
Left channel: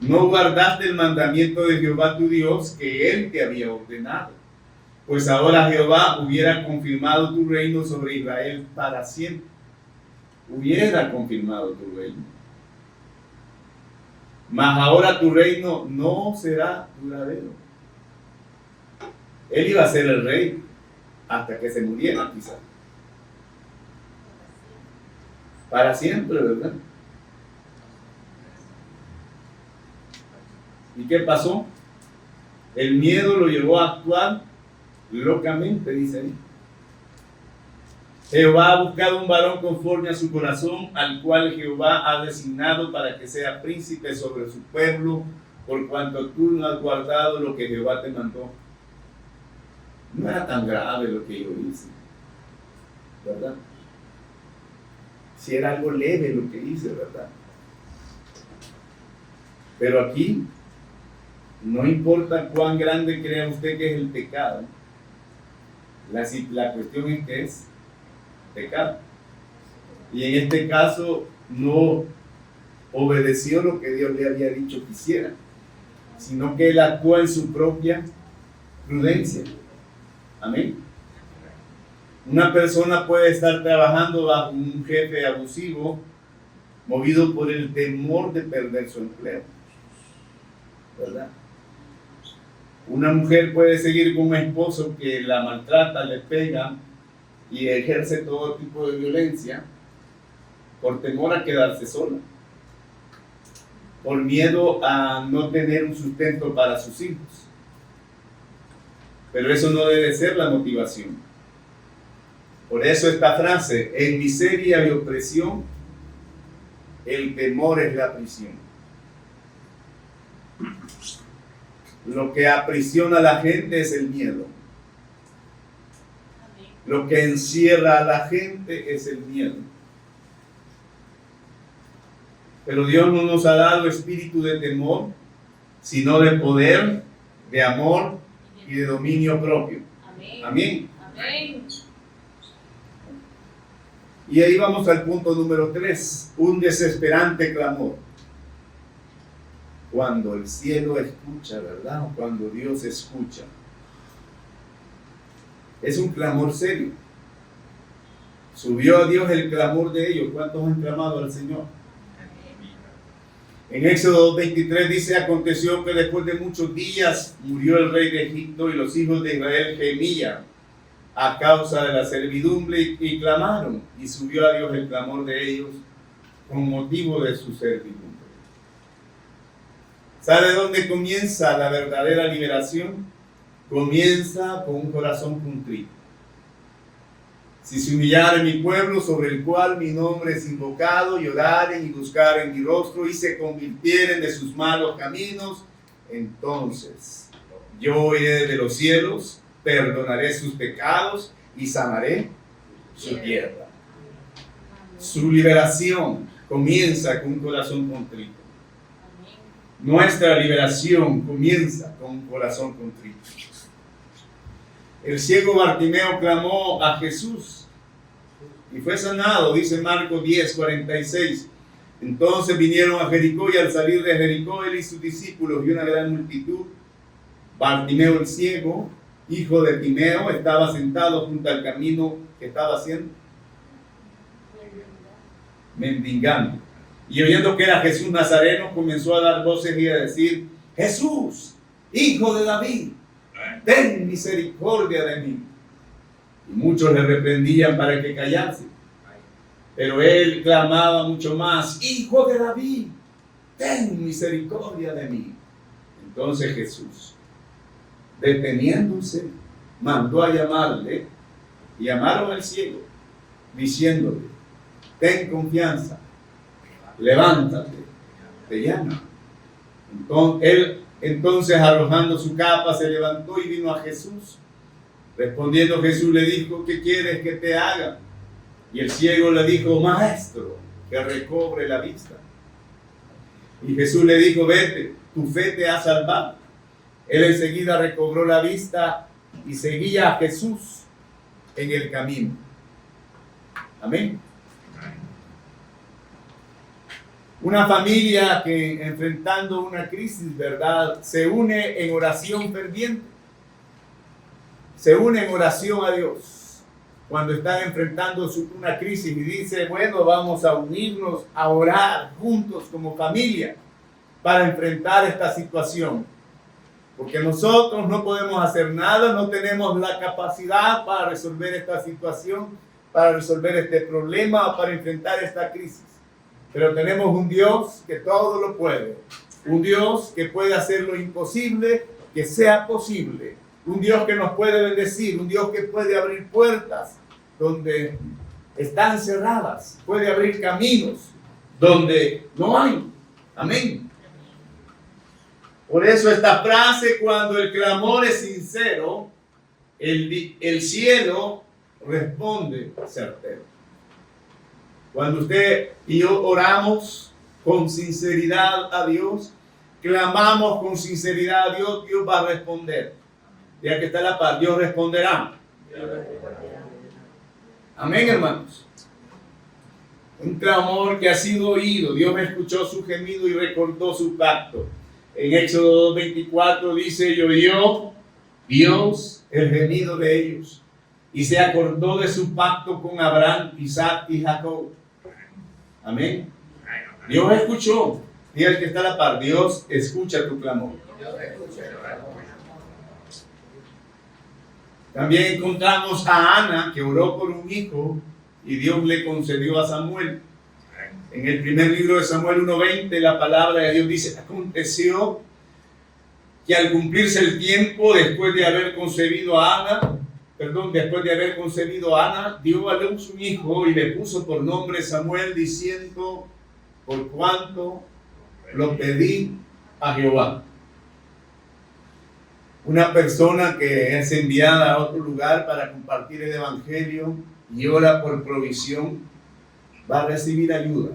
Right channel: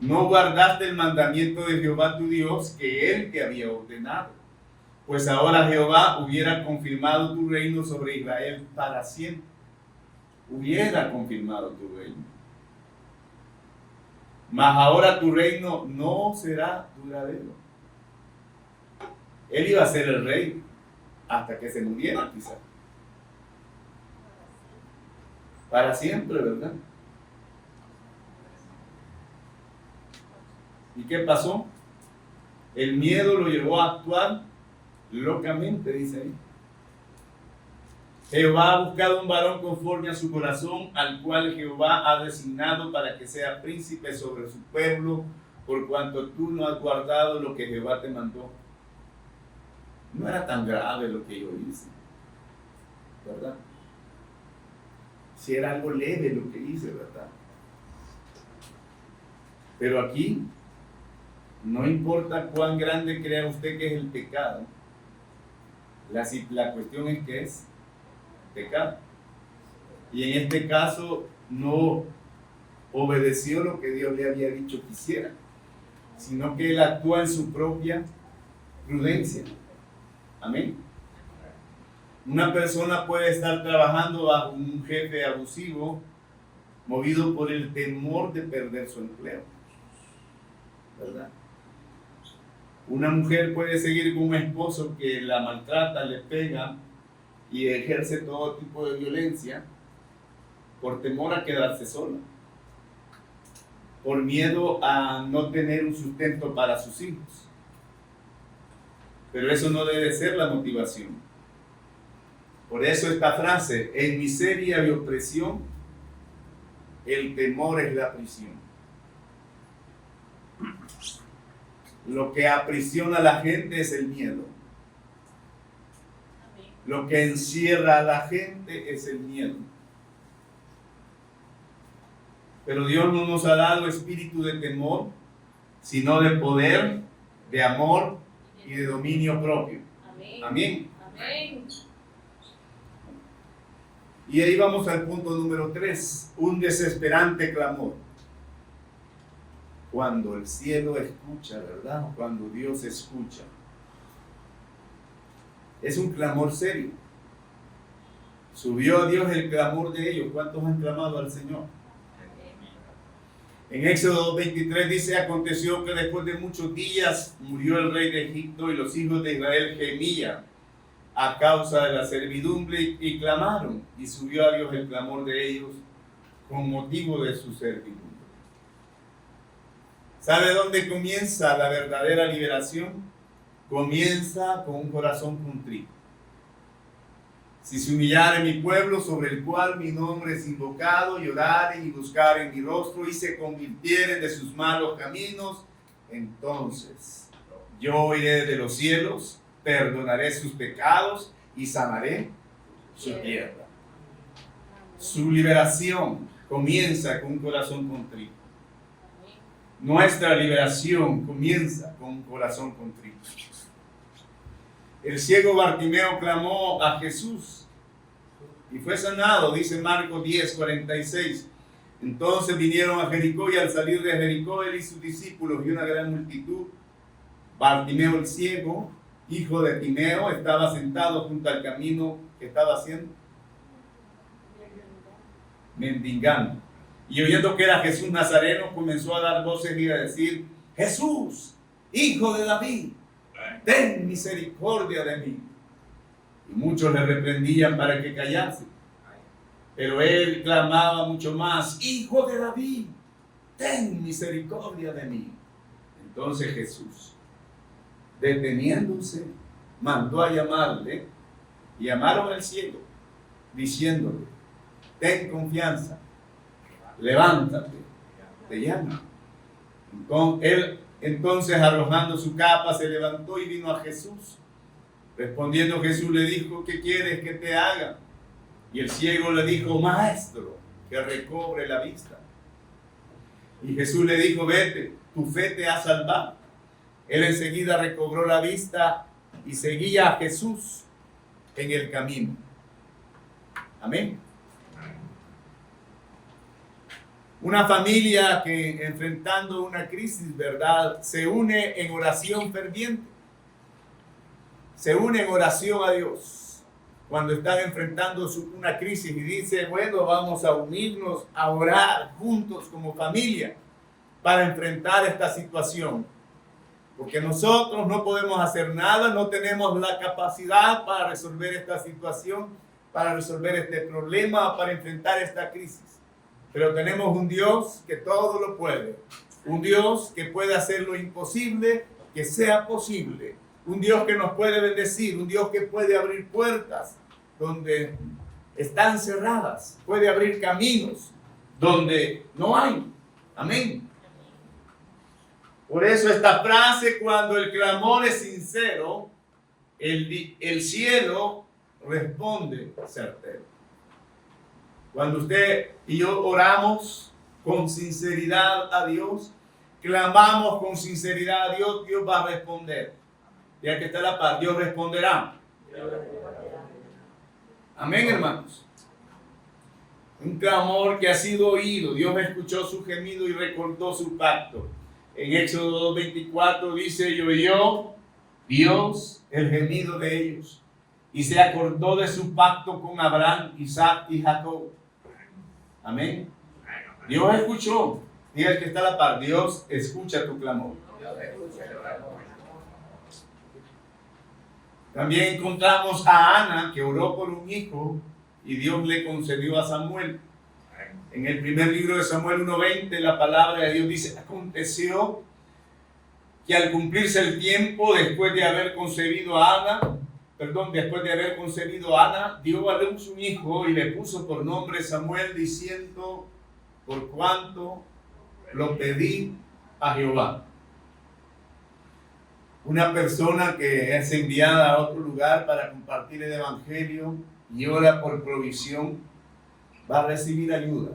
No guardaste el mandamiento de Jehová tu Dios que él te había ordenado. Pues ahora Jehová hubiera confirmado tu reino sobre Israel para siempre. Hubiera confirmado tu reino. Mas ahora tu reino no será duradero. Él iba a ser el rey hasta que se muriera, quizás. Para siempre, ¿verdad? ¿Y qué pasó? El miedo lo llevó a actuar locamente, dice ahí. Jehová ha buscado un varón conforme a su corazón, al cual Jehová ha designado para que sea príncipe sobre su pueblo, por cuanto tú no has guardado lo que Jehová te mandó. No era tan grave lo que yo hice, ¿verdad? Si era algo leve lo que hice, ¿verdad? Pero aquí, no importa cuán grande crea usted que es el pecado, la cuestión es que es pecado. Y en este caso no obedeció lo que Dios le había dicho que hiciera, sino que él actúa en su propia prudencia. Amén. Una persona puede estar trabajando bajo un jefe abusivo, movido por el temor de perder su empleo, ¿verdad? Una mujer puede seguir con un esposo que la maltrata, le pega y ejerce todo tipo de violencia por temor a quedarse sola, por miedo a no tener un sustento para sus hijos. Pero eso no debe ser la motivación. Por eso esta frase: en miseria y opresión, el temor es la prisión. Lo que aprisiona a la gente es el miedo. Lo que encierra a la gente es el miedo. Pero Dios no nos ha dado espíritu de temor, sino de poder, de amor y de dominio propio. Amén. Amén. Y ahí vamos al punto número 3, un desesperante clamor. Cuando el cielo escucha, ¿verdad? Cuando Dios escucha. Es un clamor serio. Subió a Dios el clamor de ellos. ¿Cuántos han clamado al Señor? En Éxodo 23 dice: aconteció que después de muchos días murió el rey de Egipto y los hijos de Israel gemían a causa de la servidumbre y clamaron, y subió a Dios el clamor de ellos con motivo de su servidumbre. ¿Sabe dónde comienza la verdadera liberación? Comienza con un corazón contrito. Si se humillare mi pueblo, sobre el cual mi nombre es invocado, y oraren y buscaren mi rostro y se convirtieren de sus malos caminos, entonces yo oiré desde los cielos, perdonaré sus pecados y sanaré su tierra. Su liberación comienza con un corazón contrito. Nuestra liberación comienza con un corazón contrito. El ciego Bartimeo clamó a Jesús y fue sanado, dice Marcos 10:46. Entonces vinieron a Jericó, y al salir de Jericó él y sus discípulos y una gran multitud, Bartimeo el ciego, hijo de Timeo, estaba sentado junto al camino. ¿Qué estaba haciendo? Mendigando. Y oyendo que era Jesús Nazareno, comenzó a dar voces y a decir: Jesús, hijo de David, ten misericordia de mí. Y muchos le reprendían para que callase. Pero él clamaba mucho más: Hijo de David, ten misericordia de mí. Entonces Jesús, deteniéndose, mandó a llamarle, y llamaron al ciego, diciéndole: ten confianza, levántate, te llama. Entonces arrojando su capa se levantó y vino a Jesús. Respondiendo Jesús le dijo: ¿qué quieres que te haga? Y el ciego le dijo: Maestro, que recobre la vista. Y Jesús le dijo: vete, tu fe te ha salvado. Él enseguida recobró la vista y seguía a Jesús en el camino. Amén. Una familia que, enfrentando una crisis, ¿verdad?, se une en oración ferviente. Se une en oración a Dios cuando están enfrentando una crisis, y dice: bueno, vamos a unirnos a orar juntos como familia para enfrentar esta situación. Porque nosotros no podemos hacer nada, no tenemos la capacidad para resolver esta situación, para resolver este problema, para enfrentar esta crisis. Pero tenemos un Dios que todo lo puede, un Dios que puede hacer lo imposible que sea posible, un Dios que nos puede bendecir, un Dios que puede abrir puertas donde están cerradas, puede abrir caminos donde no hay. Amén. Por eso esta frase: cuando el clamor es sincero, el cielo responde certero. Cuando usted y yo oramos con sinceridad a Dios, clamamos con sinceridad a Dios, Dios va a responder. Ya que está la paz, Dios responderá. Amén, hermanos. Un clamor que ha sido oído. Dios escuchó su gemido y recordó su pacto. En Éxodo 2:24 dice: y oyó Dios el gemido de ellos, y se acordó de su pacto con Abraham, Isaac y Jacob. Amén. Dios escuchó. Y el que está a la par, Dios escucha tu clamor. También encontramos a Ana, que oró por un hijo y Dios le concedió a Samuel. En el primer libro de Samuel 1:20, la palabra de Dios dice: aconteció que al cumplirse el tiempo, después de haber concebido a Ana, dio a luz un hijo y le puso por nombre Samuel, diciendo: por cuanto lo pedí a Jehová. Una persona que es enviada a otro lugar para compartir el evangelio y ora por provisión, va a recibir ayuda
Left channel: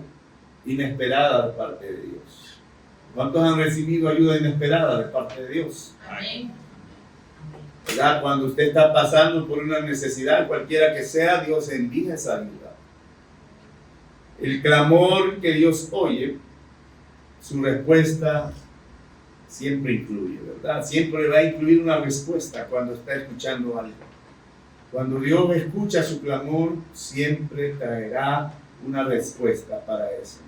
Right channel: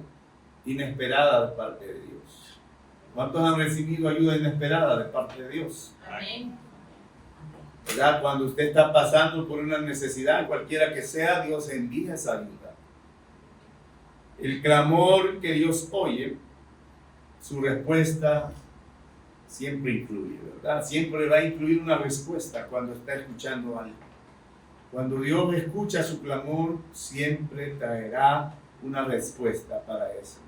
inesperada de parte de Dios. ¿Cuántos han recibido ayuda inesperada de parte de Dios? Amén. ¿Verdad? Cuando usted está pasando por una necesidad, cualquiera que sea, Dios envía esa ayuda. El clamor que Dios oye, su respuesta siempre incluye, ¿verdad? Siempre va a incluir una respuesta cuando está escuchando algo. Cuando Dios escucha su clamor, siempre traerá una respuesta para eso.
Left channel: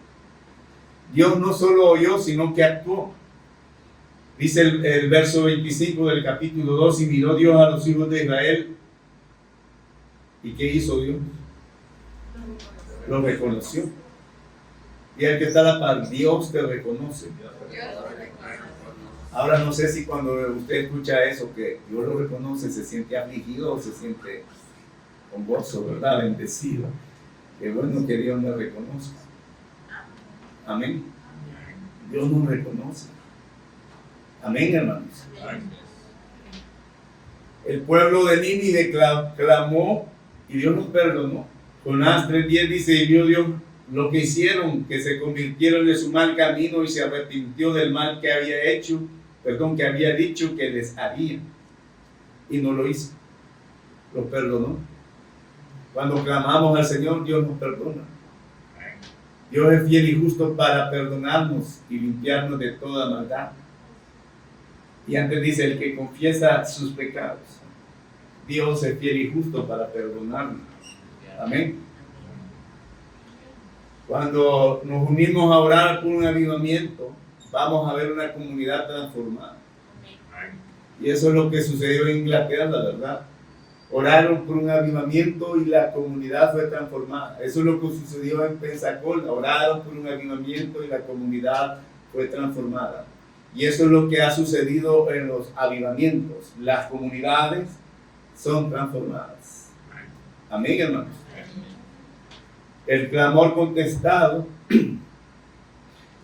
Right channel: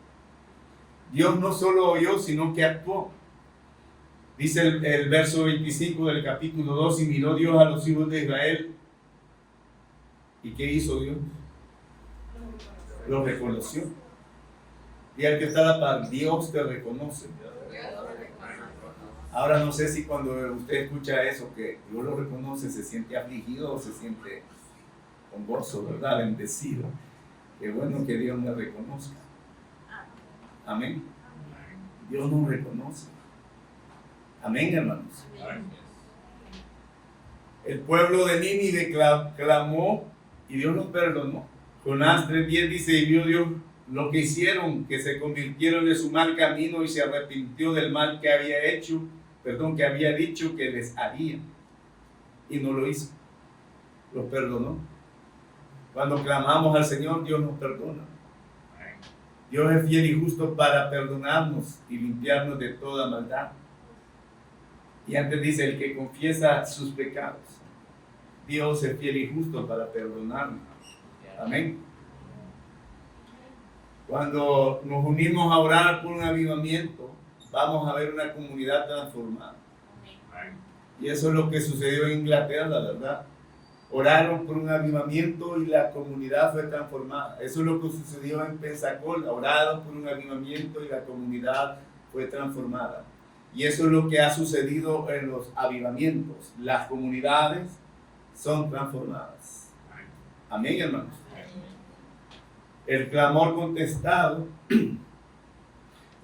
Dios no solo oyó, sino que actuó. Dice el verso 25 del capítulo 2: y miró Dios a los hijos de Israel. ¿Y qué hizo Dios? Los reconoció. Y el que está a la par, Dios te reconoce. Ahora no sé si cuando usted escucha eso, que Dios lo reconoce, se siente afligido o se siente con gozo, ¿verdad? Bendecido. Qué bueno que Dios me reconozca. Amén. Dios nos reconoce. Amén, hermanos. El pueblo de Nínive clamó y Dios los perdonó. Jonás 3:10 dice, y vio Dios lo que hicieron, que se convirtieron de su mal camino y se arrepintió del mal que había que había dicho que les haría. Y no lo hizo, lo perdonó. Cuando clamamos al Señor, Dios nos perdona. Dios es fiel y justo para perdonarnos y limpiarnos de toda maldad. Y antes dice, el que confiesa sus pecados, Dios es fiel y justo para perdonarnos. Amén. Cuando nos unimos a orar por un avivamiento, vamos a ver una comunidad transformada. Y eso es lo que sucedió en Inglaterra, ¿verdad? Oraron por un avivamiento y la comunidad fue transformada. Eso es lo que sucedió en Pensacola. Oraron por un avivamiento y la comunidad fue transformada. Y eso es lo que ha sucedido en los avivamientos. Las comunidades son transformadas. Amén, hermanos. El clamor contestado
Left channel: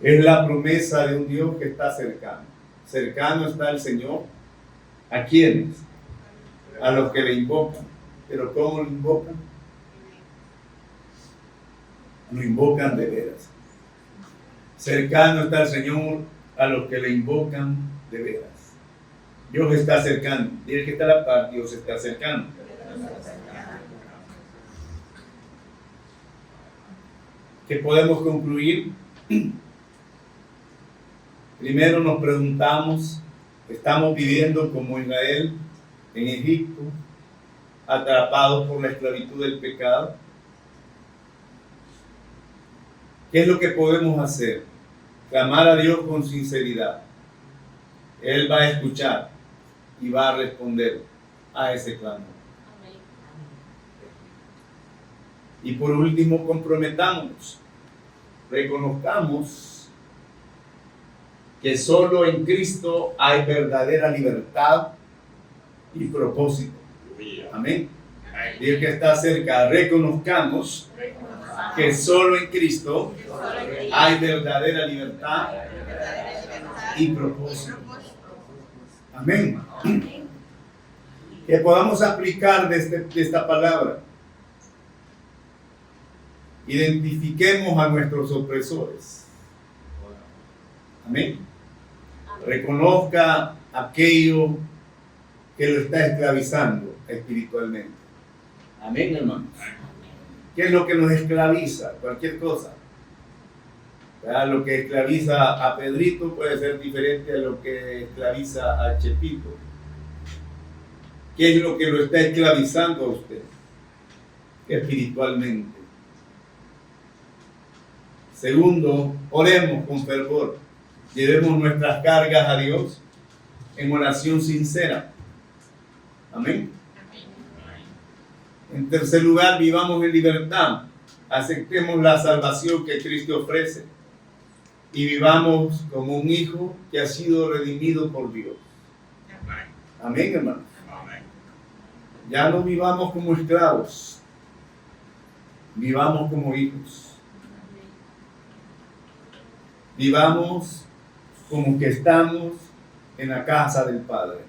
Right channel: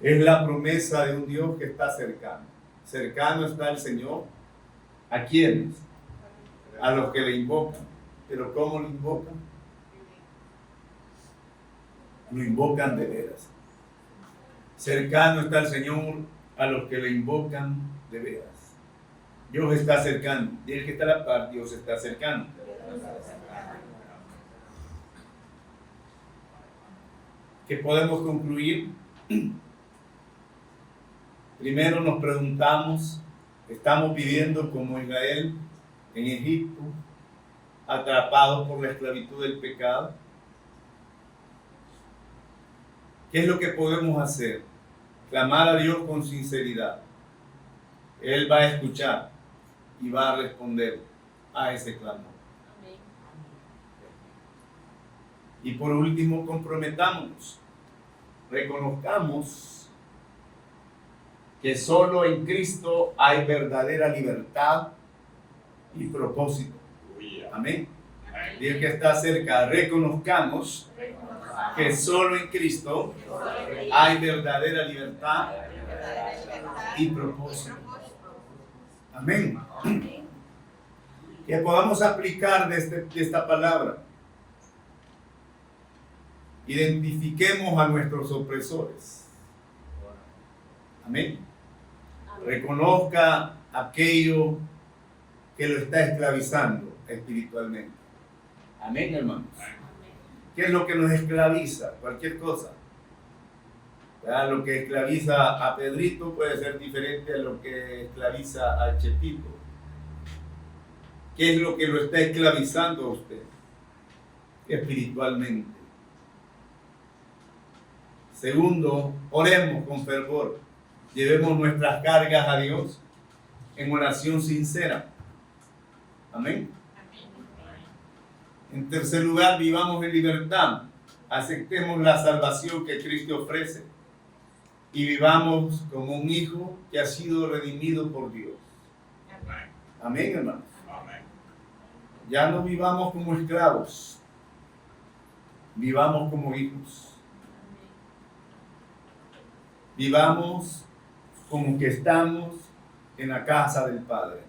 es la promesa de un Dios que está cercano. Cercano está el Señor. ¿A quiénes? A los que le invocan. ¿Pero cómo lo invocan? Lo invocan de veras. Cercano está el Señor a los que le invocan de veras. Dios está cercano. Dile que está a la par, Dios está cercano. ¿Qué podemos concluir? Primero nos preguntamos, ¿estamos viviendo como Israel en Egipto, atrapados por la esclavitud del pecado? ¿Qué es lo que podemos hacer? Clamar a Dios con sinceridad. Él va a escuchar y va a responder a ese clamor. Y por último, comprometámonos. Reconozcamos que solo en Cristo hay verdadera libertad y propósito. Amén. Dios que está cerca, reconozcamos que solo en Cristo hay verdadera libertad y propósito. Amén. Que podamos aplicar de esta palabra. Identifiquemos a nuestros opresores. Amén. Reconozca aquello que lo está esclavizando espiritualmente. Amén, hermanos. ¿Qué es lo que nos esclaviza? Cualquier cosa. ¿Verdad? Lo que esclaviza a Pedrito puede ser diferente a lo que esclaviza a Chepito. ¿Qué es lo que lo está esclavizando a usted? Espiritualmente. Segundo, oremos con fervor. Llevemos nuestras cargas a Dios en oración sincera. Amén. En tercer lugar, vivamos en libertad. Aceptemos la salvación que Cristo ofrece. Y vivamos como un hijo que ha sido redimido por Dios. Amén, hermanos. Ya no vivamos como esclavos. Vivamos como hijos. Vivamos como que estamos en la casa del Padre.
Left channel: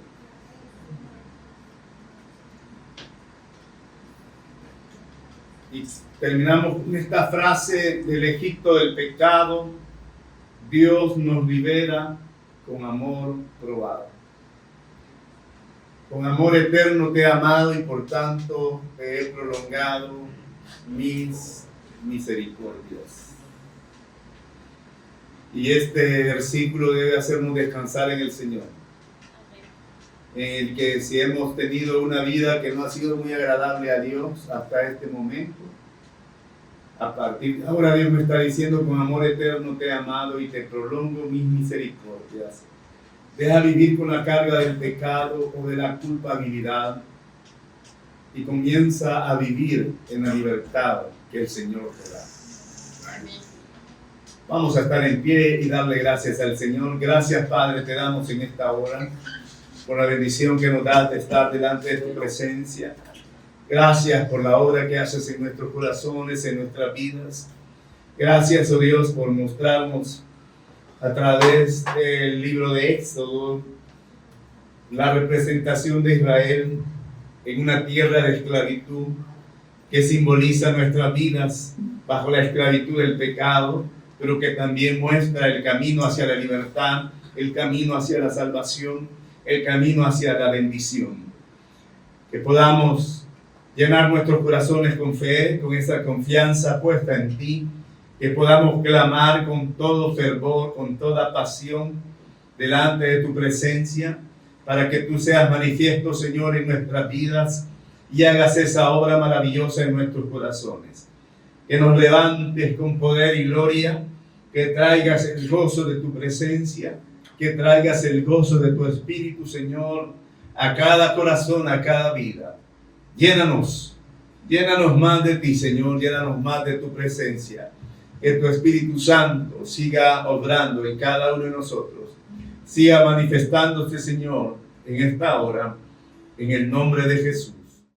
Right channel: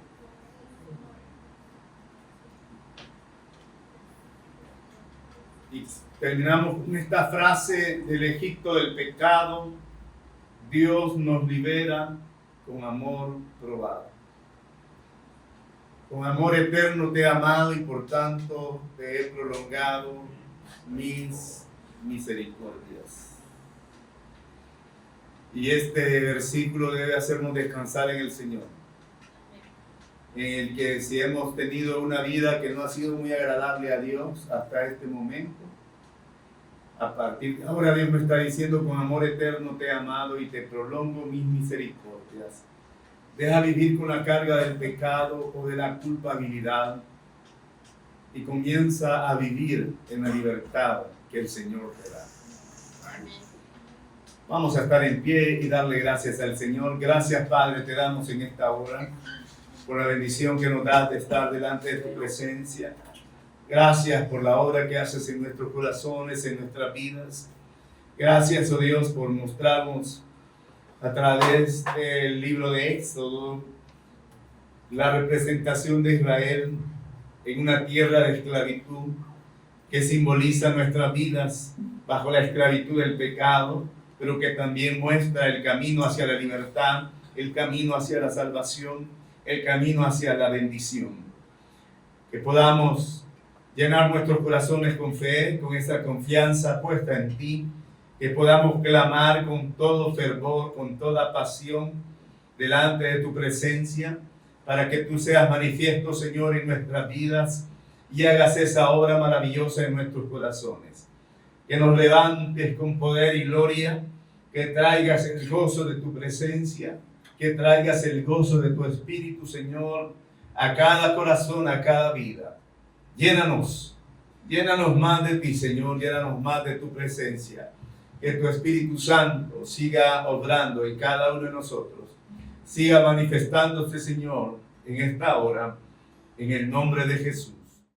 Y terminamos con esta frase del Egipto del pecado: Dios nos libera con amor probado. Con amor eterno te he amado y por tanto te he prolongado mis misericordias. Y este versículo debe hacernos descansar en el Señor. En el que si hemos tenido una vida que no ha sido muy agradable a Dios hasta este momento, a partir de ahora Dios me está diciendo: con amor eterno te he amado y te prolongo mis misericordias. Deja vivir con la carga del pecado o de la culpabilidad y comienza a vivir en la libertad que el Señor te da. Vamos a estar en pie y darle gracias al Señor. Gracias, Padre, te damos en esta hora por la bendición que nos das de estar delante de tu presencia. Gracias por la obra que haces en nuestros corazones, en nuestras vidas. Gracias, oh Dios, por mostrarnos a través del libro de Éxodo la representación de Israel en una tierra de esclavitud que simboliza nuestras vidas bajo la esclavitud del pecado, pero que también muestra el camino hacia la libertad, el camino hacia la salvación, el camino hacia la bendición. Que podamos llenar nuestros corazones con fe, con esa confianza puesta en ti, que podamos clamar con todo fervor, con toda pasión, delante de tu presencia, para que tú seas manifiesto, Señor, en nuestras vidas y hagas esa obra maravillosa en nuestros corazones. Que nos levantes con poder y gloria, que traigas el gozo de tu presencia, que traigas el gozo de tu Espíritu, Señor, a cada corazón, a cada vida. Llénanos más de ti, Señor, llénanos más de tu presencia. Que tu Espíritu Santo siga obrando en cada uno de nosotros, siga manifestándose, Señor, en esta hora, en el nombre de Jesús.